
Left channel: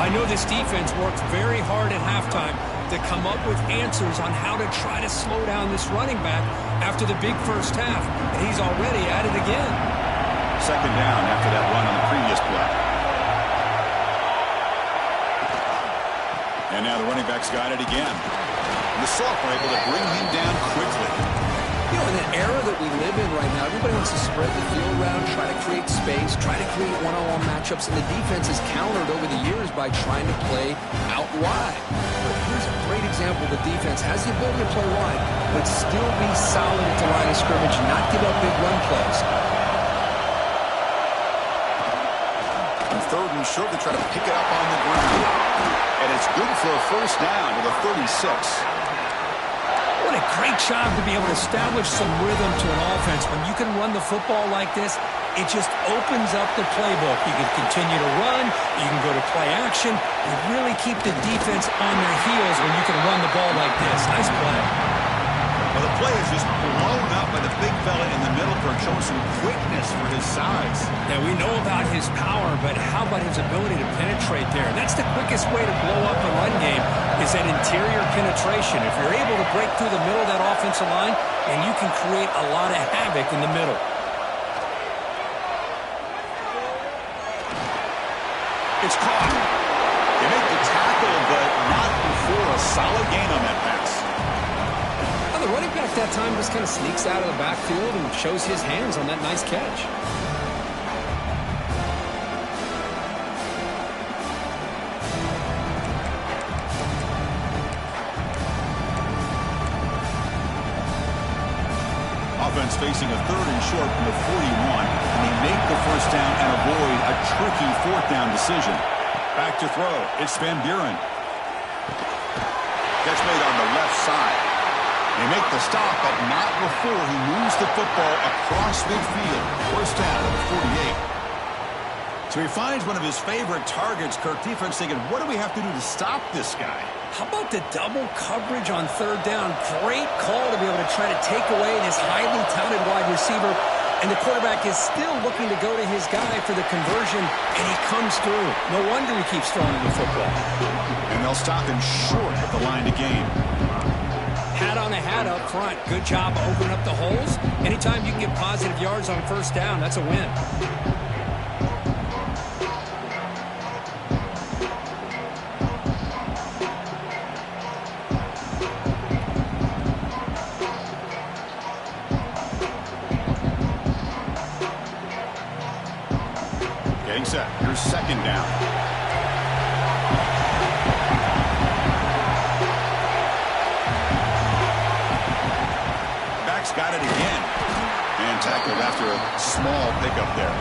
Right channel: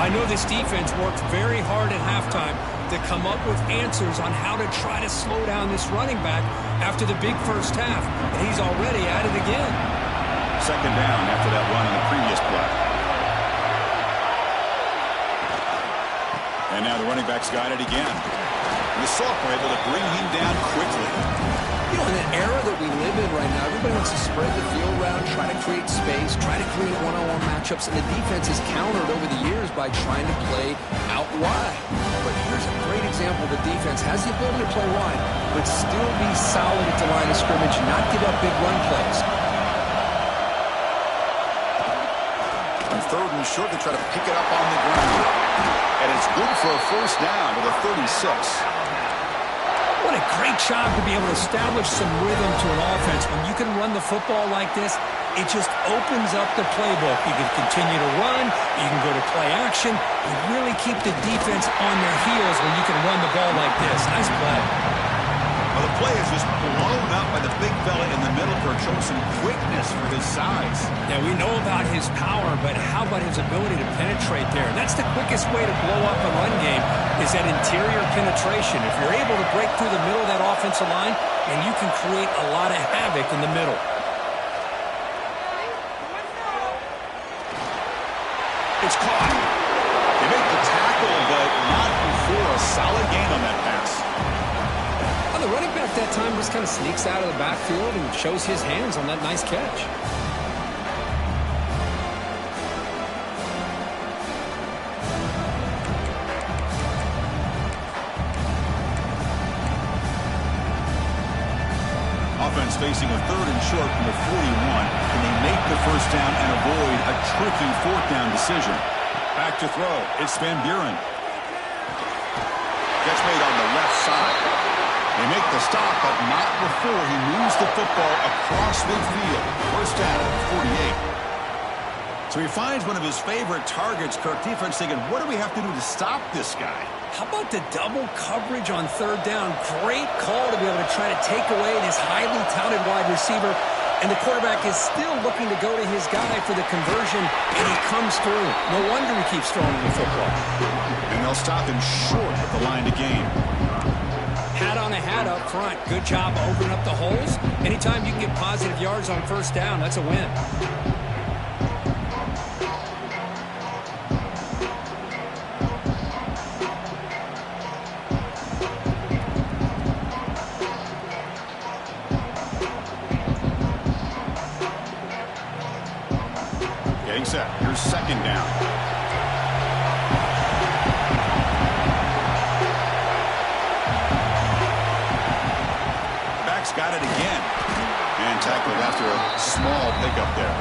I know this defense worked very hard at halftime to come up with answers on how to try to slow down this running back after the big first half, and he's already at it again. 2nd down after that run on the previous play. And now the running back's got it again. And the sophomore able to bring him down quickly. You know, in an era that we live in right now, everybody wants to spread the field around, try to create space, try to create one-on-one matchups, and the defense has countered over the years by trying to play out wide. But here's a great example. The defense has the ability to play wide, but still be solid at the line of scrimmage, not give up big run plays. On 3rd and short, they try to pick it up on the ground. And it's good for a first down to the 36. What a great job to be able to establish some rhythm to an offense. When you can run the football like this, it just opens up the playbook. You can continue to run. You can go to play action. You really keep the defense on their heels when you can run the ball like this. Nice play. Well, the play is just blown up by the big fella in the middle for showing some quickness for his size. Yeah, we know about his power, but how about his ability to penetrate there? And that's the quickest way to blow up a run game is that interior penetration. If you're able to break through the middle of that offensive line, and you can create a lot of havoc in the middle. It's caught. They make the tackle, but not before a solid gain on that pass. Well, the running back that time just kind of sneaks out of the backfield and shows his hands on that nice catch. Offense facing a 3rd and short from the 41. Can they make the first down and avoid a tricky 4th down decision? Back to throw. It's Van Buren. Catch made on the left side. They make the stop, but not before he moves the football across midfield. First down at the 48. So he finds one of his favorite targets. Kirk, defense thinking, what do we have to do to stop this guy? How about the double coverage on 3rd down? Great call to be able to try to take away this highly touted wide receiver. And the quarterback is still looking to go to his guy for the conversion, and he comes through. No wonder he keeps throwing the football. And they'll stop him short of the line to gain. Hat on a hat up front. Good job opening up the holes. Anytime you can get positive yards on 1st down, that's a win. Getting set. Here's 2nd down. Back's got it again. And tackled after a small pickup there.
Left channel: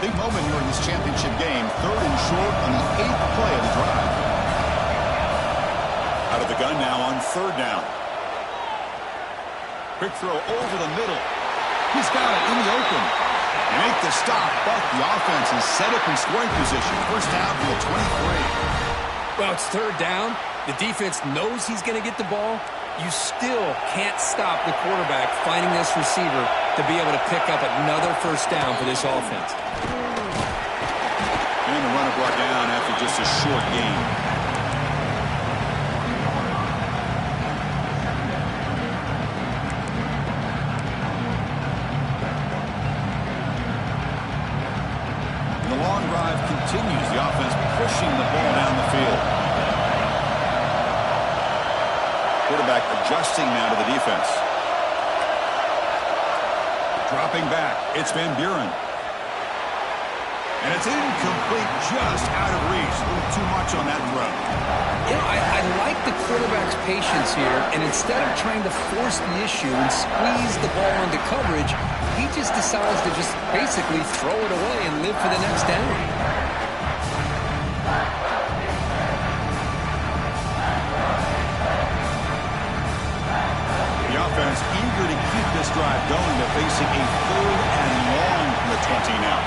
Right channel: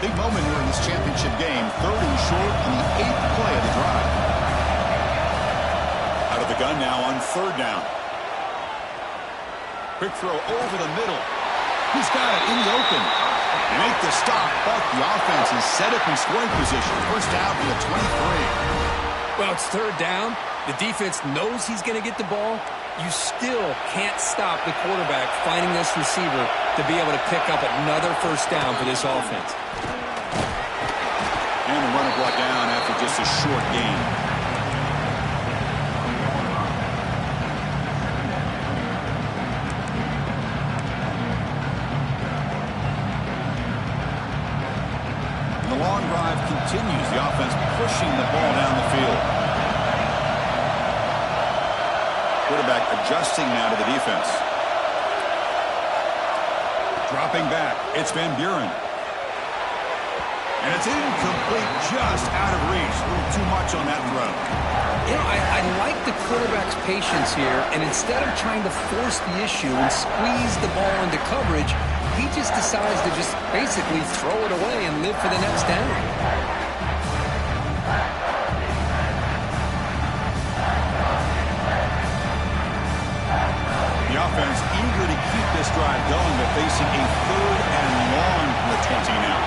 Big moment here in this championship game. 3rd and short on the 8th play of the drive. Out of the gun now on 3rd down. Quick throw over the middle. He's got it in the open. They make the stop, but the offense is set up in scoring position. First down from the 23. Well, it's 3rd down. The defense knows he's going to get the ball. You still can't stop the quarterback finding this receiver to be able to pick up another first down for this offense. And the runner brought down after just a short gain. And the long drive continues. The offense pushing the ball down the field. Quarterback adjusting now to the defense. Dropping back. It's Van Buren. And it's incomplete, just out of reach. A little too much on that throw. You know, I like the quarterback's patience here, and instead of trying to force the issue and squeeze the ball into coverage, he just decides to just basically throw it away and live for the next down. The offense eager to keep this drive going, but facing a 3rd and long from the 20 now.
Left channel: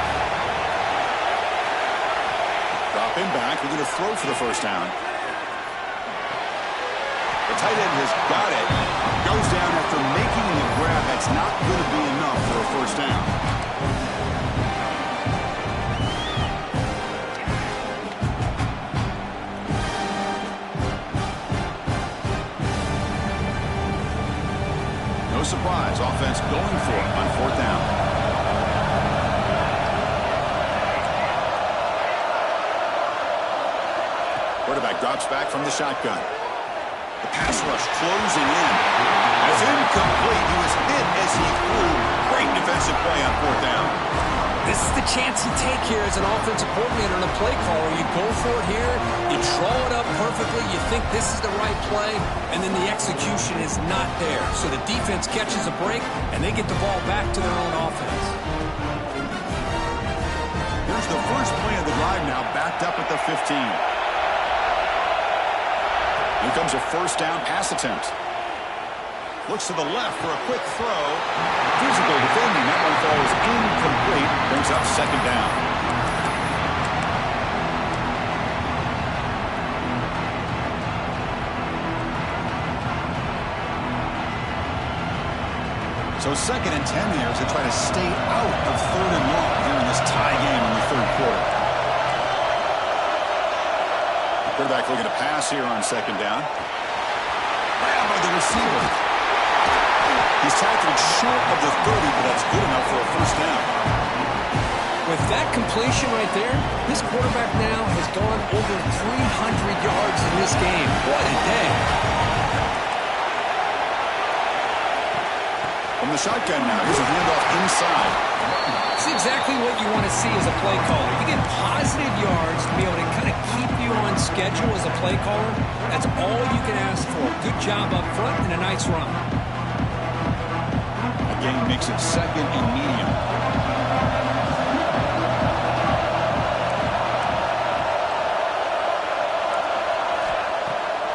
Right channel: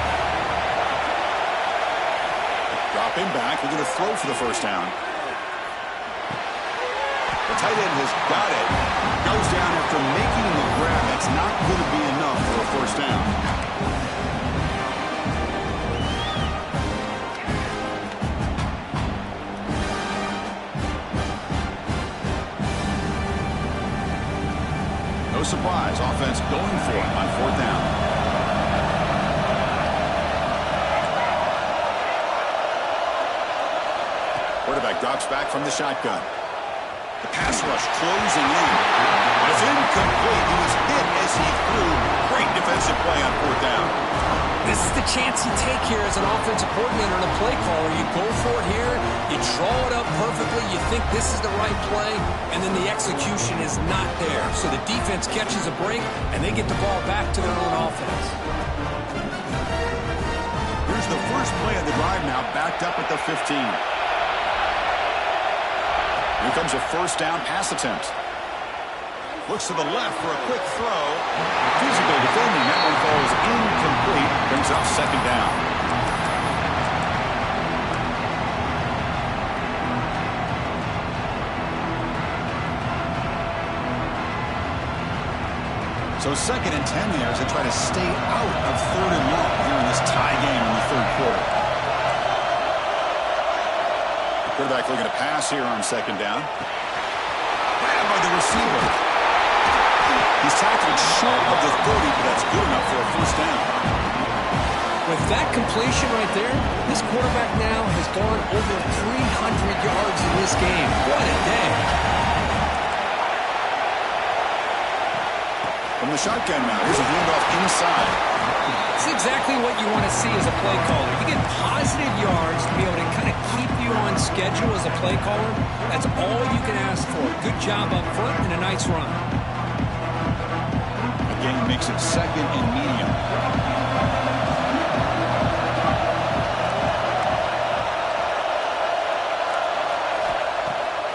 Dropping back, they're going to throw for the first down. The tight end has got it. Goes down after making the grab. That's not going to be enough for a first down. No surprise, offense going for it on 4th down. Quarterback drops back from the shotgun. The pass rush closing in. And it's incomplete. He was hit as he threw. Great defensive play on 4th down. This is the chance you take here as an offensive coordinator and a play caller. You go for it here. You draw it up perfectly. You think this is the right play. And then the execution is not there. So the defense catches a break, and they get the ball back to their own offense. Here's the first play of the drive now, backed up at the 15. Here comes a first down pass attempt. Looks to the left for a quick throw. Physical defending. That one falls incomplete. Brings up 2nd down. So 2nd and 10 there as they try to stay out of 3rd and long here in this tie game in the 3rd quarter. Quarterback looking to pass here on second down. Grabbed by the receiver. He's tackled short of the 30, but that's good enough for a first down. With that completion right there, this quarterback now has gone over 300 yards in this game. What a day. From the shotgun now, here's a handoff inside. It's exactly what you want to see as a play caller. You get positive yards to be able to kind of keep you on schedule as a play caller. That's all you can ask for. Good job up front and a nice run. Again, makes it second and medium.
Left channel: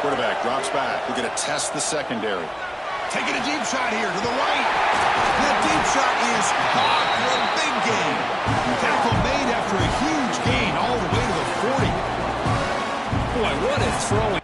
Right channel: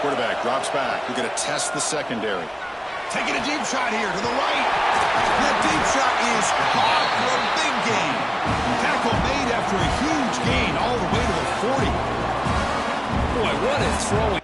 Quarterback drops back. We're going to test the secondary. Taking a deep shot here to the right. That deep shot is caught for a big gain. Tackle made after a huge gain all the way to the 40. Boy, what a throwing.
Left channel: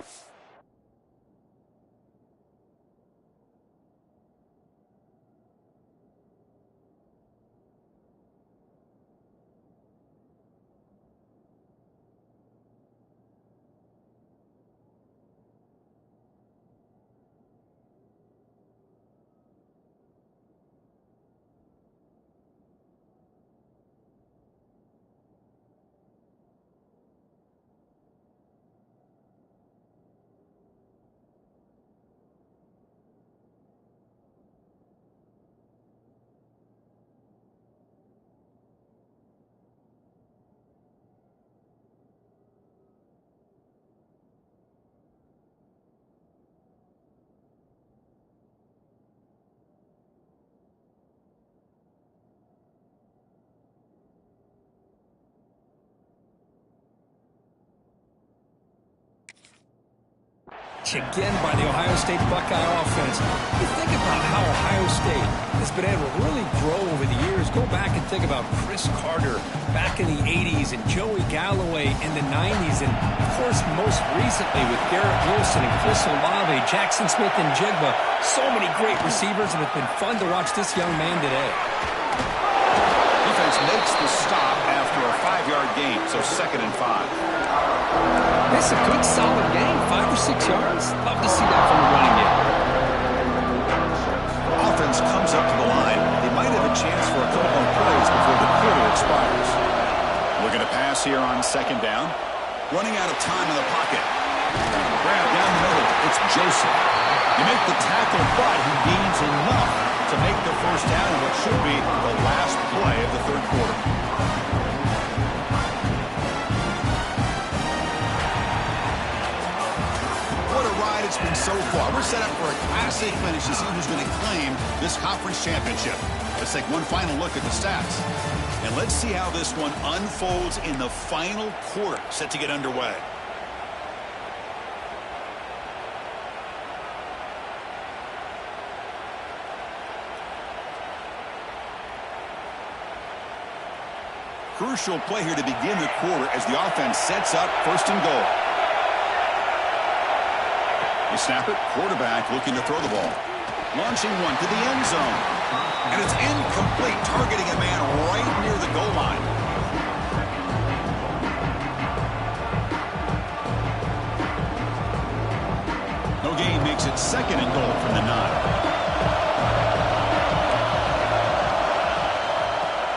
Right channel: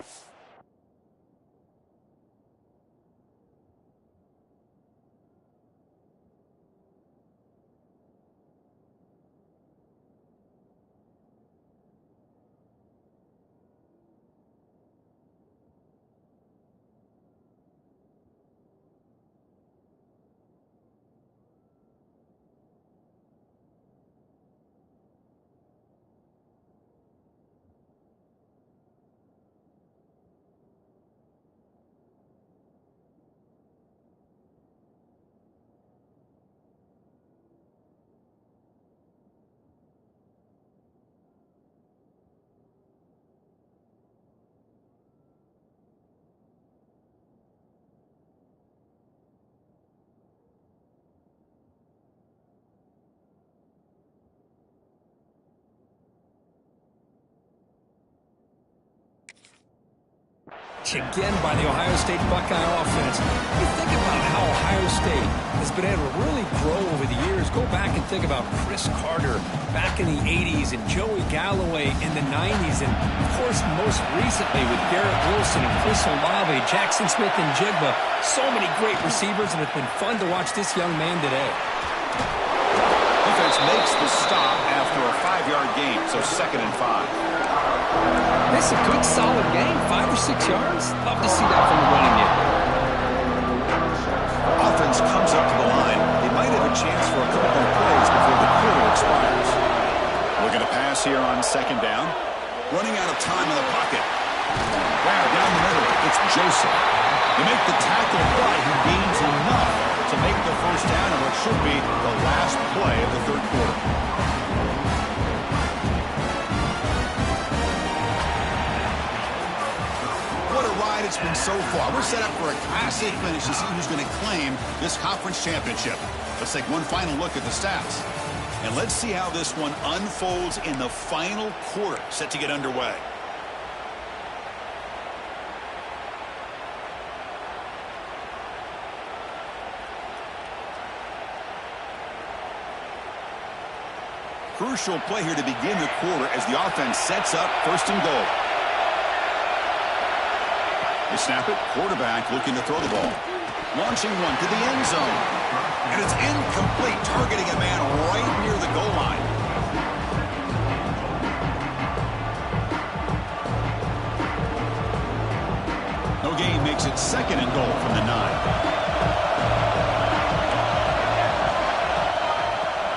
Again by the Ohio State Buckeye offense. You think about how Ohio State has been able to really grow over the years. Go back and think about Chris Carter back in the 80s and Joey Galloway in the 90s. And, of course, most recently with Garrett Wilson and Chris Olave, Jackson Smith and Jigba. So many great receivers, and it's been fun to watch this young man today. Defense makes the stop after a 5-yard gain, so 2nd and 5. It's a good, solid game. 5 or 6 yards. Love to see that from the running game. Offense comes up to the line. They might have a chance for a couple more plays before the quarter expires. Looking to pass here on 2nd down. Running out of time in the pocket. Grab down the middle. It's Joseph. You make the tackle, but he gains enough to make the first down in what should be the last play of the 3rd quarter. What a ride it's been so far. We're set up for a Class A finish to see who's going to claim this conference championship. Let's take one final look at the stats. And let's see how this one unfolds in the final quarter, set to get underway. Crucial play here to begin the quarter as the offense sets up 1st and goal. They snap it. Quarterback looking to throw the ball. Launching one to the end zone. And it's incomplete, targeting a man right near the goal line. No gain makes it 2nd and goal from the 9.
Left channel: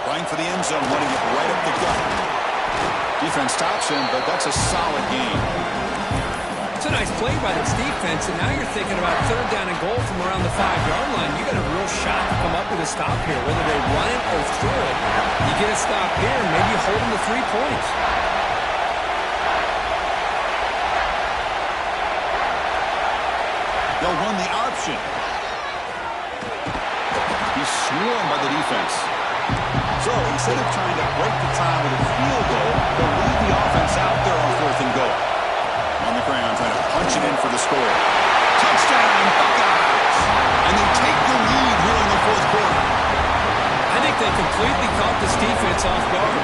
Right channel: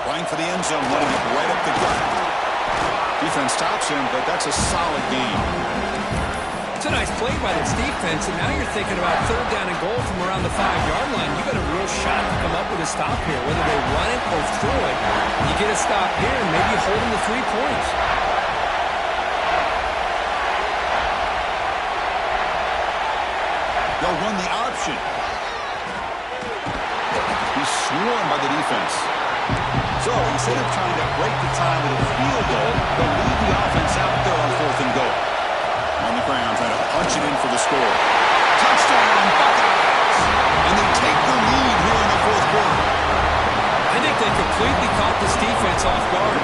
Running for the end zone, running it right up the gut. Defense stops him, but that's a solid game. It's a nice play by this defense, and now you're thinking about 3rd down and goal from around the 5-yard line. You got a real shot to come up with a stop here, whether they run it or throw it. You get a stop here, and maybe you hold them to 3 points. They'll run the option. He's swarmed by the defense. So instead of trying to break the tie with a field goal, they'll leave the offense out there on 4th and goal. On the ground, trying to punch it in for the score. Touchdown, Buckeyes! And they take the lead here in the 4th quarter. I think they completely caught this defense off guard.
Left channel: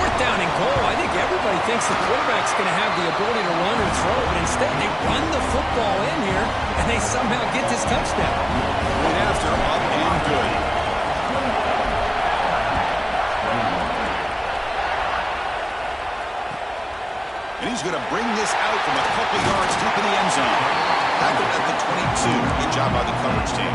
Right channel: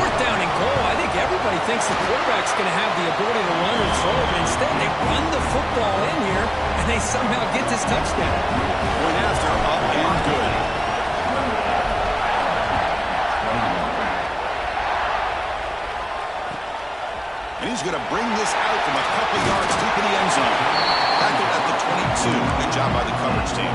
4th down and goal, I think everybody thinks the quarterback's going to have the ability to run or throw, but instead they run the football in here, and they somehow get this touchdown. Point after, up and good. And He's going to bring this out from a couple yards deep in the end zone. Tackled at the 22. Good job by the coverage team.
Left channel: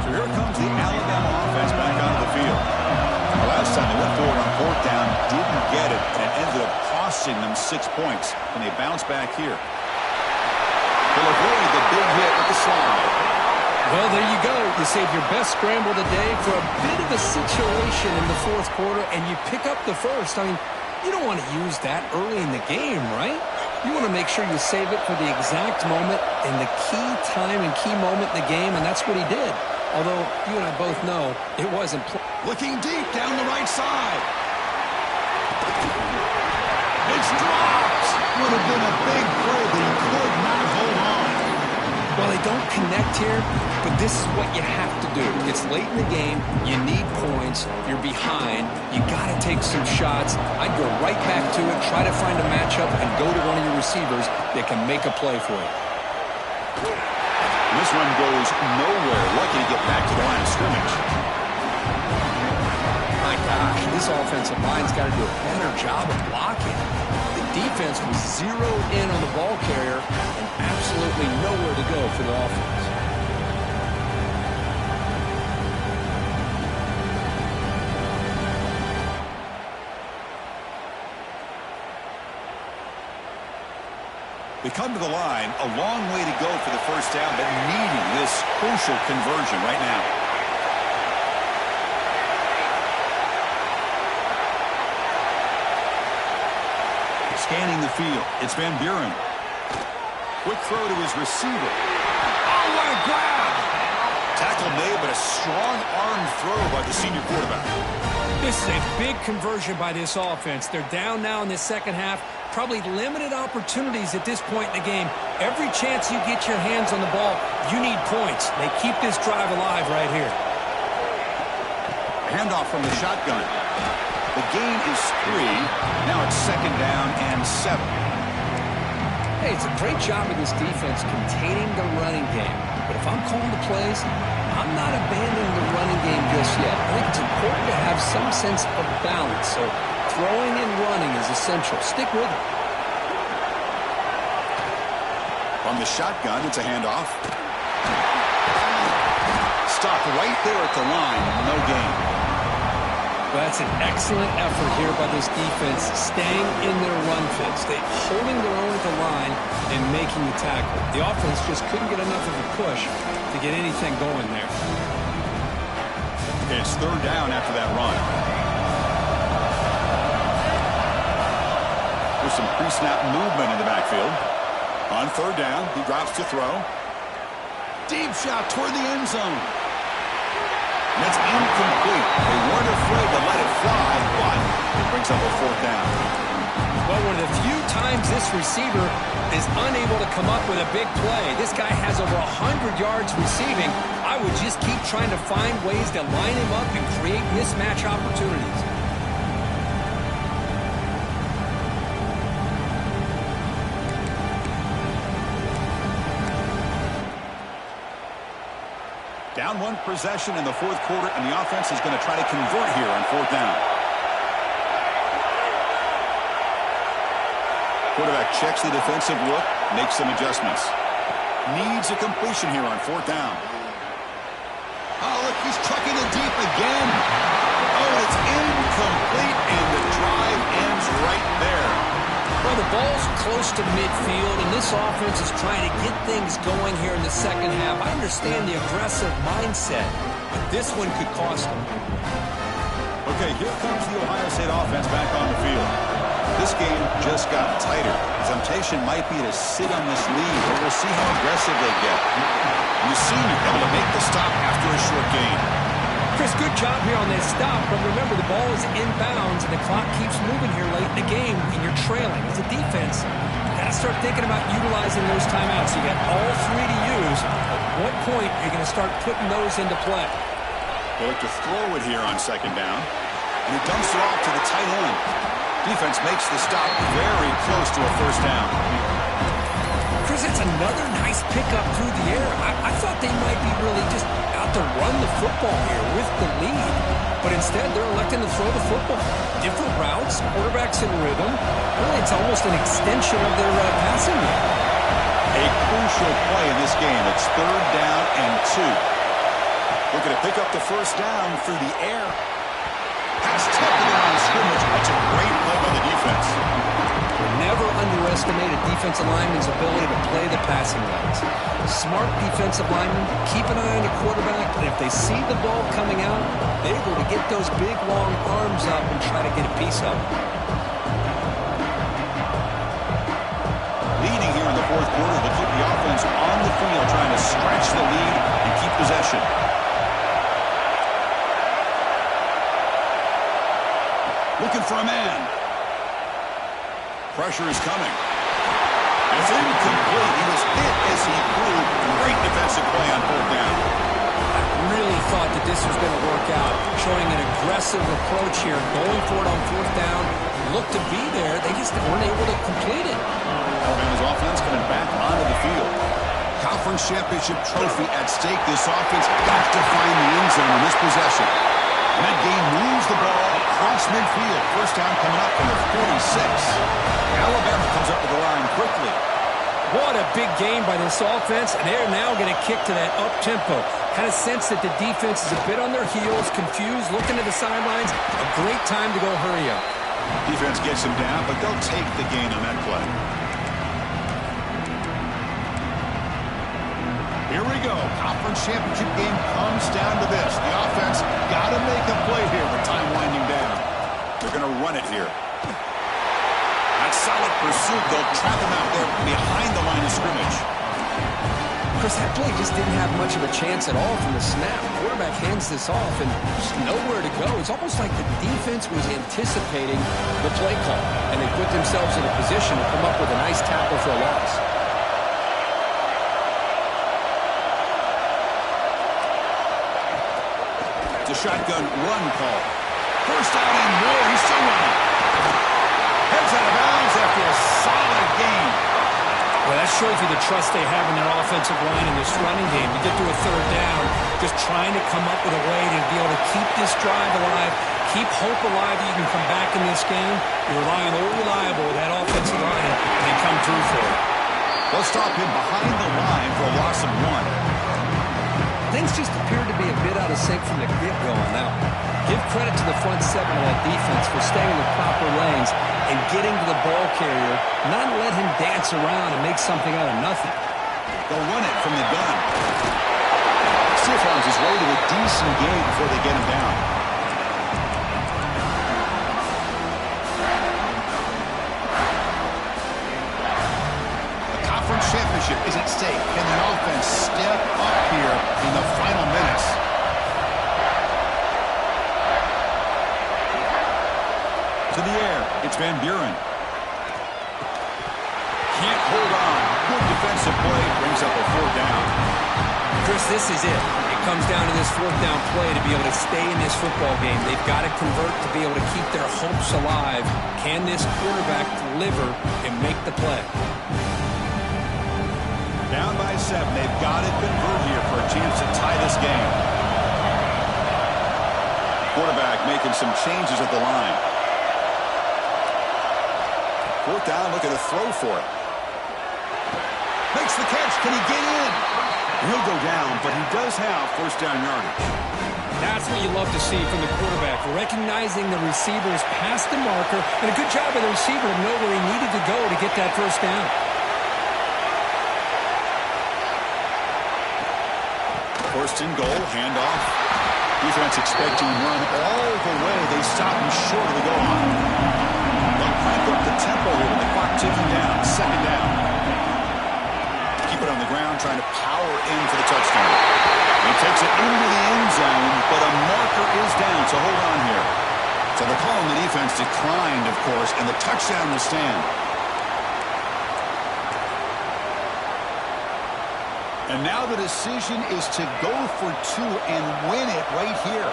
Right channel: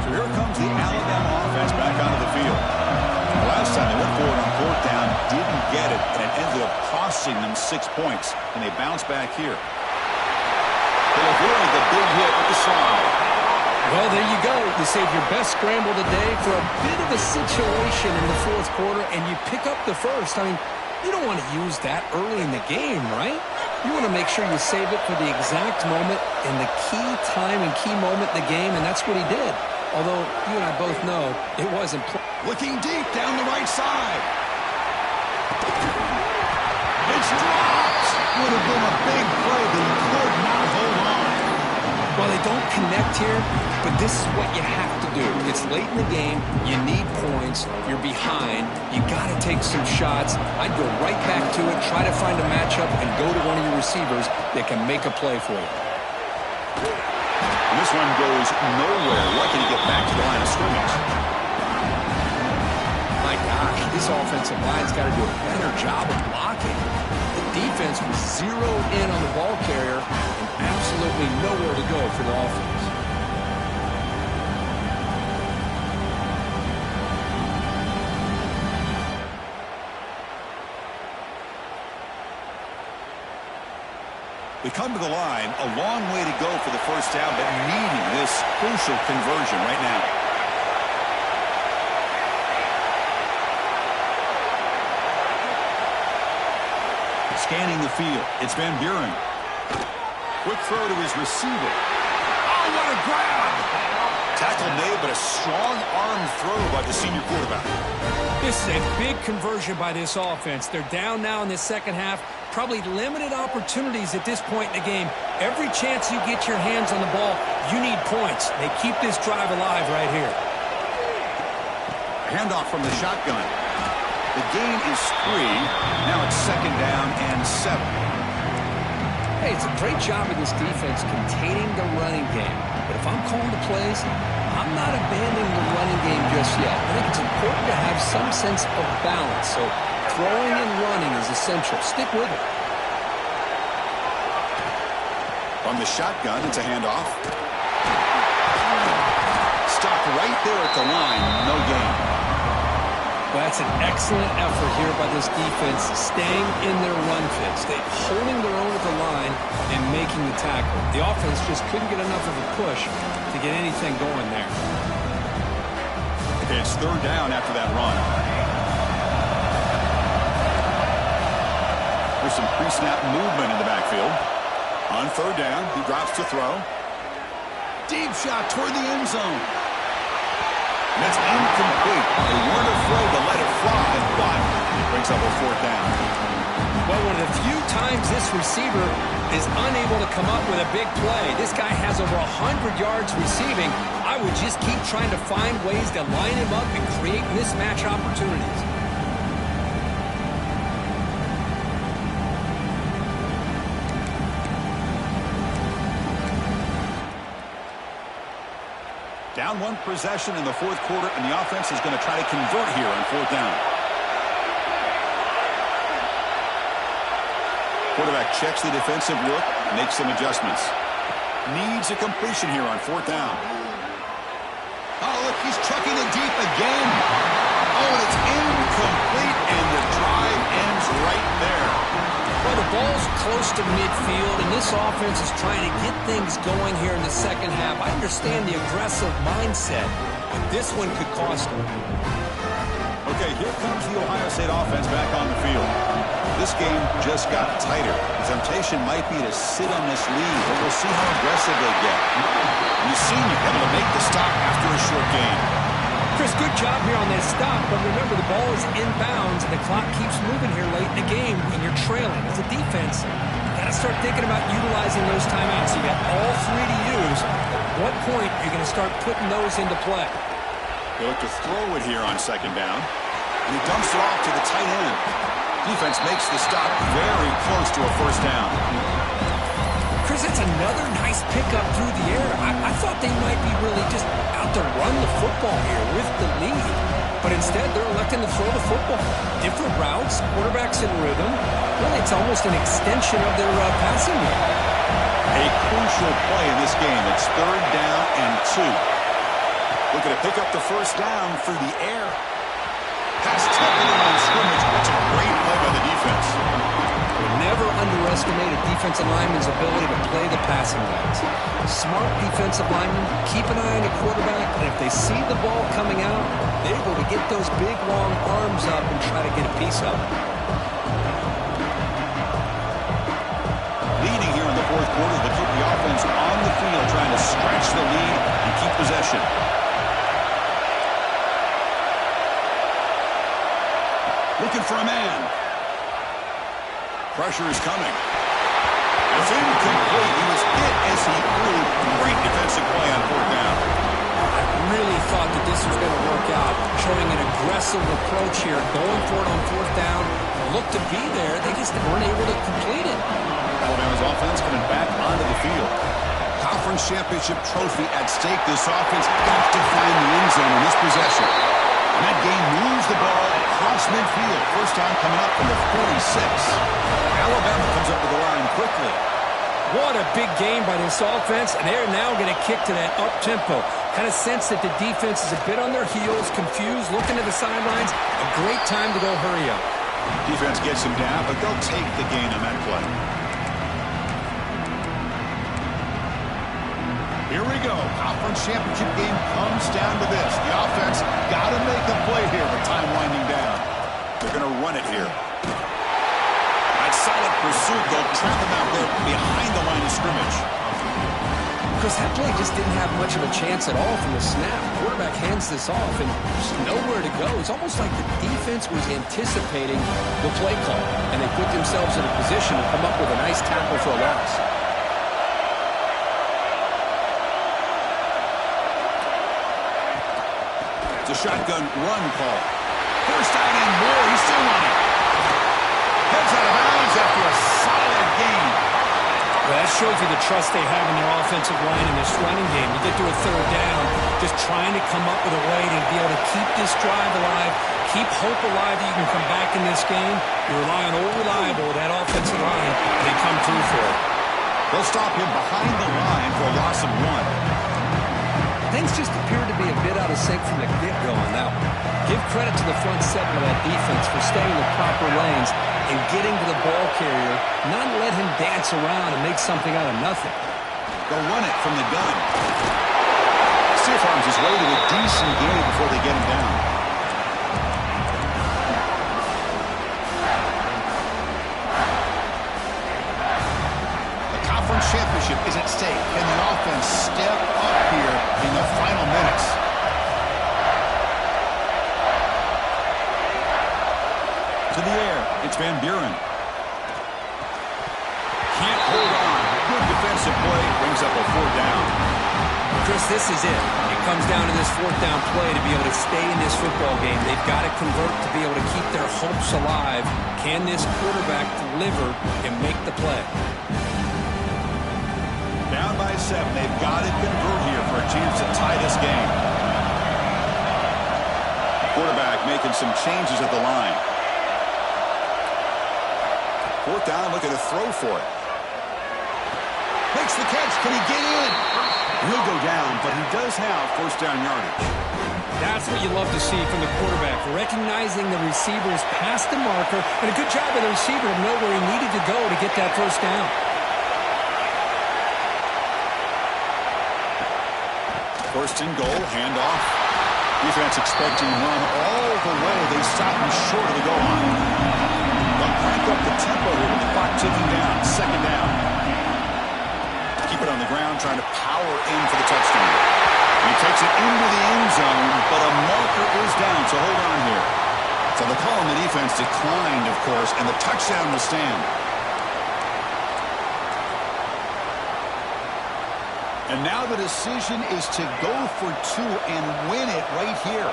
So here comes the Alabama offense back onto the field. The last time they went forward on fourth down, didn't get it, and it ended up costing them 6 points. And they bounce back here. They'll avoid the big hit with the slide. Well, there you go. You save your best scramble today for a bit of a situation in the fourth quarter, and you pick up the first. I mean, you don't want to use that early in the game, right? You want to make sure you save it for the exact moment and the key time and key moment in the game, and that's what he did. Although you and I both know it wasn't. Looking deep down the right side. It's dropped. Would have been a big play, but he could not hold on. Well, they don't connect here, but this is what you have to do. It's late in the game. You need points. You're behind. You got to take some shots. I'd go right back to it, try to find a matchup, and go to one of your receivers that can make a play for you. This one goes nowhere. Lucky to get back to the line of scrimmage. My gosh, this offensive line's got to do a better job of blocking. The defense was zeroed in on the ball carrier and absolutely nowhere to go for the offense. They come to the line, a long way to go for the first down, but needing this crucial conversion right now. Scanning the field, it's Van Buren. Quick throw to his receiver. Oh, what a grab! Tackle made, but a strong arm throw by the senior quarterback. This is a big conversion by this offense. They're down now in the second half. Probably limited opportunities at this point in the game. Every chance you get your hands on the ball, you need points. They keep this drive alive right here. Handoff from the shotgun. The gain is 3. Now it's second down and 7. Hey, it's a great job of this defense containing the running game. But if I'm calling the plays, I'm not abandoning the running game just yet. I think it's important to have some sense of balance. So throwing and running is essential. Stick with it. From the shotgun, it's a handoff. Stopped right there at the line. No gain. Well, that's an excellent effort here by this defense, staying in their run fits. They're holding their own at the line and making the tackle. The offense just couldn't get enough of a push to get anything going there. Okay, it's third down after that run. There's some pre-snap movement in the backfield. On third down, he drops to throw. Deep shot toward the end zone. And it's incomplete. They weren't afraid to let it fly, but it brings up a fourth down. Well, one of the few times this receiver is unable to come up with a big play. This guy has over 100 yards receiving. I would just keep trying to find ways to line him up and create mismatch opportunities. Down one possession in the fourth quarter, and the offense is going to try to convert here on fourth down. Quarterback checks the defensive look, makes some adjustments. Needs a completion here on fourth down. Oh, look, he's trucking it deep again. Oh, and it's incomplete, and the drive ends right there. Well, the ball's close to midfield, and this offense is trying to get things going here in the second half. I understand the aggressive mindset, but this one could cost them. Okay, here comes the Ohio State offense back on the field. This game just got tighter. The temptation might be to sit on this lead, but we'll see how aggressive they get. And the senior able to make the stop after a short gain. Chris, good job here on that stop, but remember the ball is inbounds and the clock keeps moving here late in the game and you're trailing. As a defense, you got to start thinking about utilizing those timeouts. You got all 3 to use. At what point are you going to start putting those into play? They look to throw it here on second down, and he dumps it off to the tight end. Defense makes the stop very close to a first down. Chris, that's another nice pickup through the air. I thought they might be really just out to run the football here with the lead. But instead, they're electing to throw the football. Different routes, quarterbacks in rhythm. Really, it's almost an extension of their passing game. A crucial play in this game. It's 3rd down and 2. Looking to pick up the first down through the air. Pass taken on scrimmage. That's a great play by the defense. Never underestimate a defensive lineman's ability to play the passing lanes. Smart defensive linemen keep an eye on the quarterback, and if they see the ball coming out, they're able to get those big, long arms up and try to get a piece of it. Leading here in the 4th quarter, they'll keep the offense on the field, trying to stretch the lead and keep possession. Looking for a man. Pressure is coming. It's incomplete. He was hit as he threw. Great defensive play on 4th down. I really thought that this was going to work out, showing an aggressive approach here, going for it on 4th down. Looked to be there. They just weren't able to complete it. Alabama's offense coming back onto the field. Conference championship trophy at stake. This offense got to find the end zone in this possession. And that game moves the ball across midfield. First down coming up from the 46. Alabama comes up to the line quickly. What a big game by this offense, and they're now going to kick to that up-tempo. Kind of sense that the defense is a bit on their heels, confused, looking to the sidelines. A great time to go hurry up. Defense gets him down, but they'll take the gain on that play. Here we go. Conference championship game comes down to this. The offense got to make a play here with time winding down. They're going to run it here. That solid pursuit. They'll trap him out there behind the line of scrimmage. Chris, that play just didn't have much of a chance at all from the snap. Quarterback hands this off and just nowhere to go. It's almost like the defense was anticipating the play call, and they put themselves in a position to come up with a nice tackle for a loss. It's a shotgun run call. First down and more. He's still running. Heads out of bounds after a solid gain. Well, that shows you the trust they have in their offensive line in this running game. You get to a 3rd down, just trying to come up with a way to be able to keep this drive alive, keep hope alive that you can come back in this game. You rely on old reliable, that offensive line, and they come through for it. They'll stop him behind the line for a loss of 1. Things just appeared to be a bit out of sync from the get-go on that one. Give credit to the front 7 of that defense for staying in the proper lanes and getting to the ball carrier, not let him dance around and make something out of nothing. They'll run it from the gun. Stiff arms his way to a decent gain before they get him down. Conference championship is at stake. Can the offense step up here in the final minutes? To the air, it's Van Buren. Can't hold on. Good defensive play, brings up a 4th down. Chris, this is it. It comes down to this 4th down play to be able to stay in this football game. They've got to convert to be able to keep their hopes alive. Can this quarterback deliver and make the play? Down by 7. They've got to convert here for a chance to tie this game. Quarterback making some changes at the line. 4th down, looking to throw for it. Makes the catch. Can he get in? He'll go down, but he does have first down yardage. That's what you love to see from the quarterback, recognizing the receiver is past the marker, and a good job by the receiver to know where he needed to go to get that first down. First and goal, handoff. Defense expecting run all the way. They stop him short of the goal line. They'll crank up the tempo here with the clock ticking down. 2nd down. Keep it on the ground, trying to power in for the touchdown. He takes it into the end zone, but a marker is down, so hold on here. So the call on the defense declined, of course, and the touchdown will stand. And now the decision is to go for 2 and win it right here.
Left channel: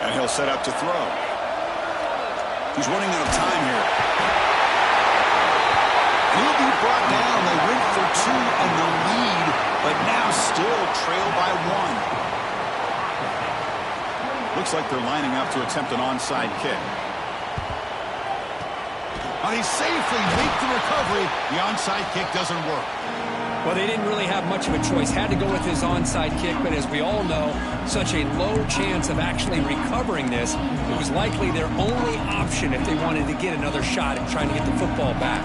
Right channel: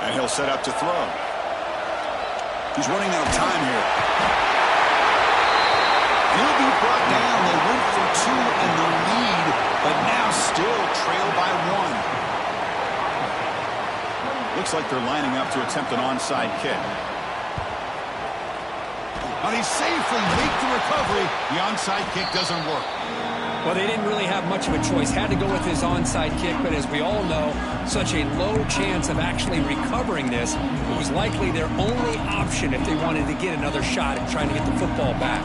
And he'll set up to throw. He's running out of time here. He'll be brought down. They went for 2 and the lead, but now still trail by 1. Looks like they're lining up to attempt an onside kick. Now they safely make the recovery. The onside kick doesn't work. Well, they didn't really have much of a choice. Had to go with his onside kick, but as we all know, such a low chance of actually recovering this. It was likely their only option if they wanted to get another shot at trying to get the football back.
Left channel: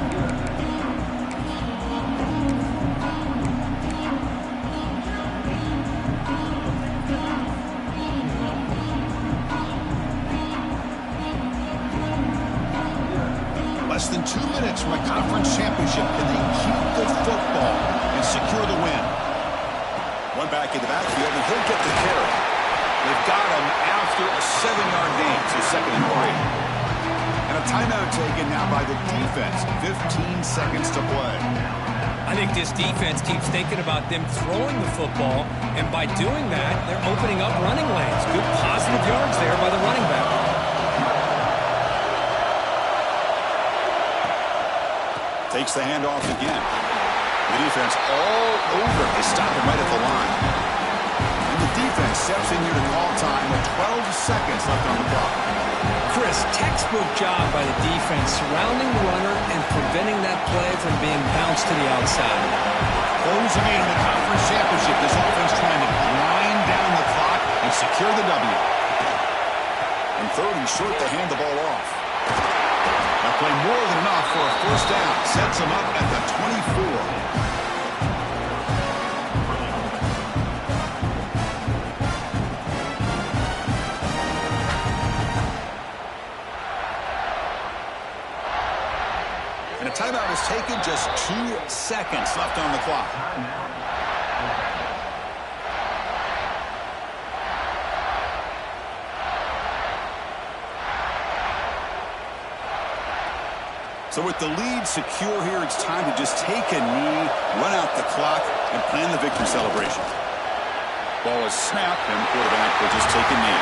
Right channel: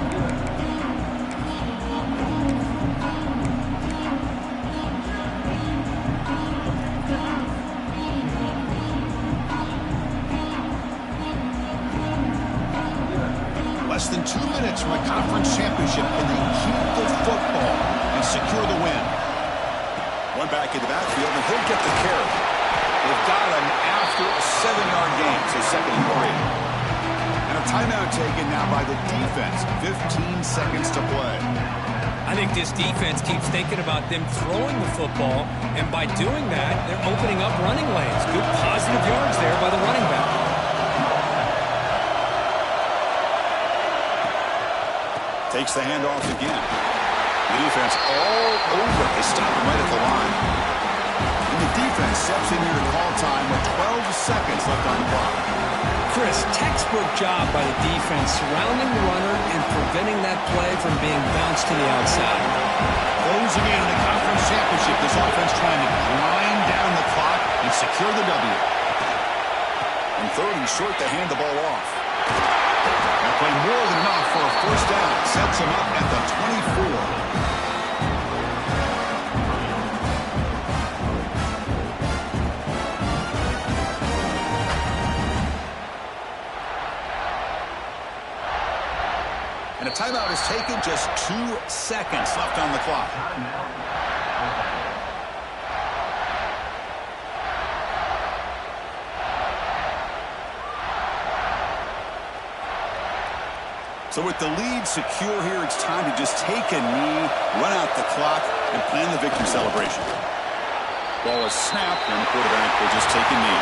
Less than 2 minutes from a conference championship. Can they keep the football and secure the win? One back in the backfield, and he'll get the carry. They've got him after a 7-yard gain, so 2nd and 3. And a timeout taken now by the defense. 15 seconds to play. I think this defense keeps thinking about them throwing the football, and by doing that, they're opening up running lanes. Good positive yards there by the running back. Takes the handoff again. The defense all over. They stop him right at the line. And the defense steps in here to call time with 12 seconds left on the clock. Chris, textbook job by the defense surrounding the runner and preventing that play from being bounced to the outside. Closing in on the conference championship. This offense trying to grind down the clock and secure the W. And 3rd and short to hand the ball off. Now play more than enough for a first down. Sets him up at the 24. And a timeout is taken. Just 2 seconds left on the clock. So with the lead secure here, it's time to just take a knee, run out the clock, and plan the victory celebration. Ball is snapped, and the quarterback will just take a knee.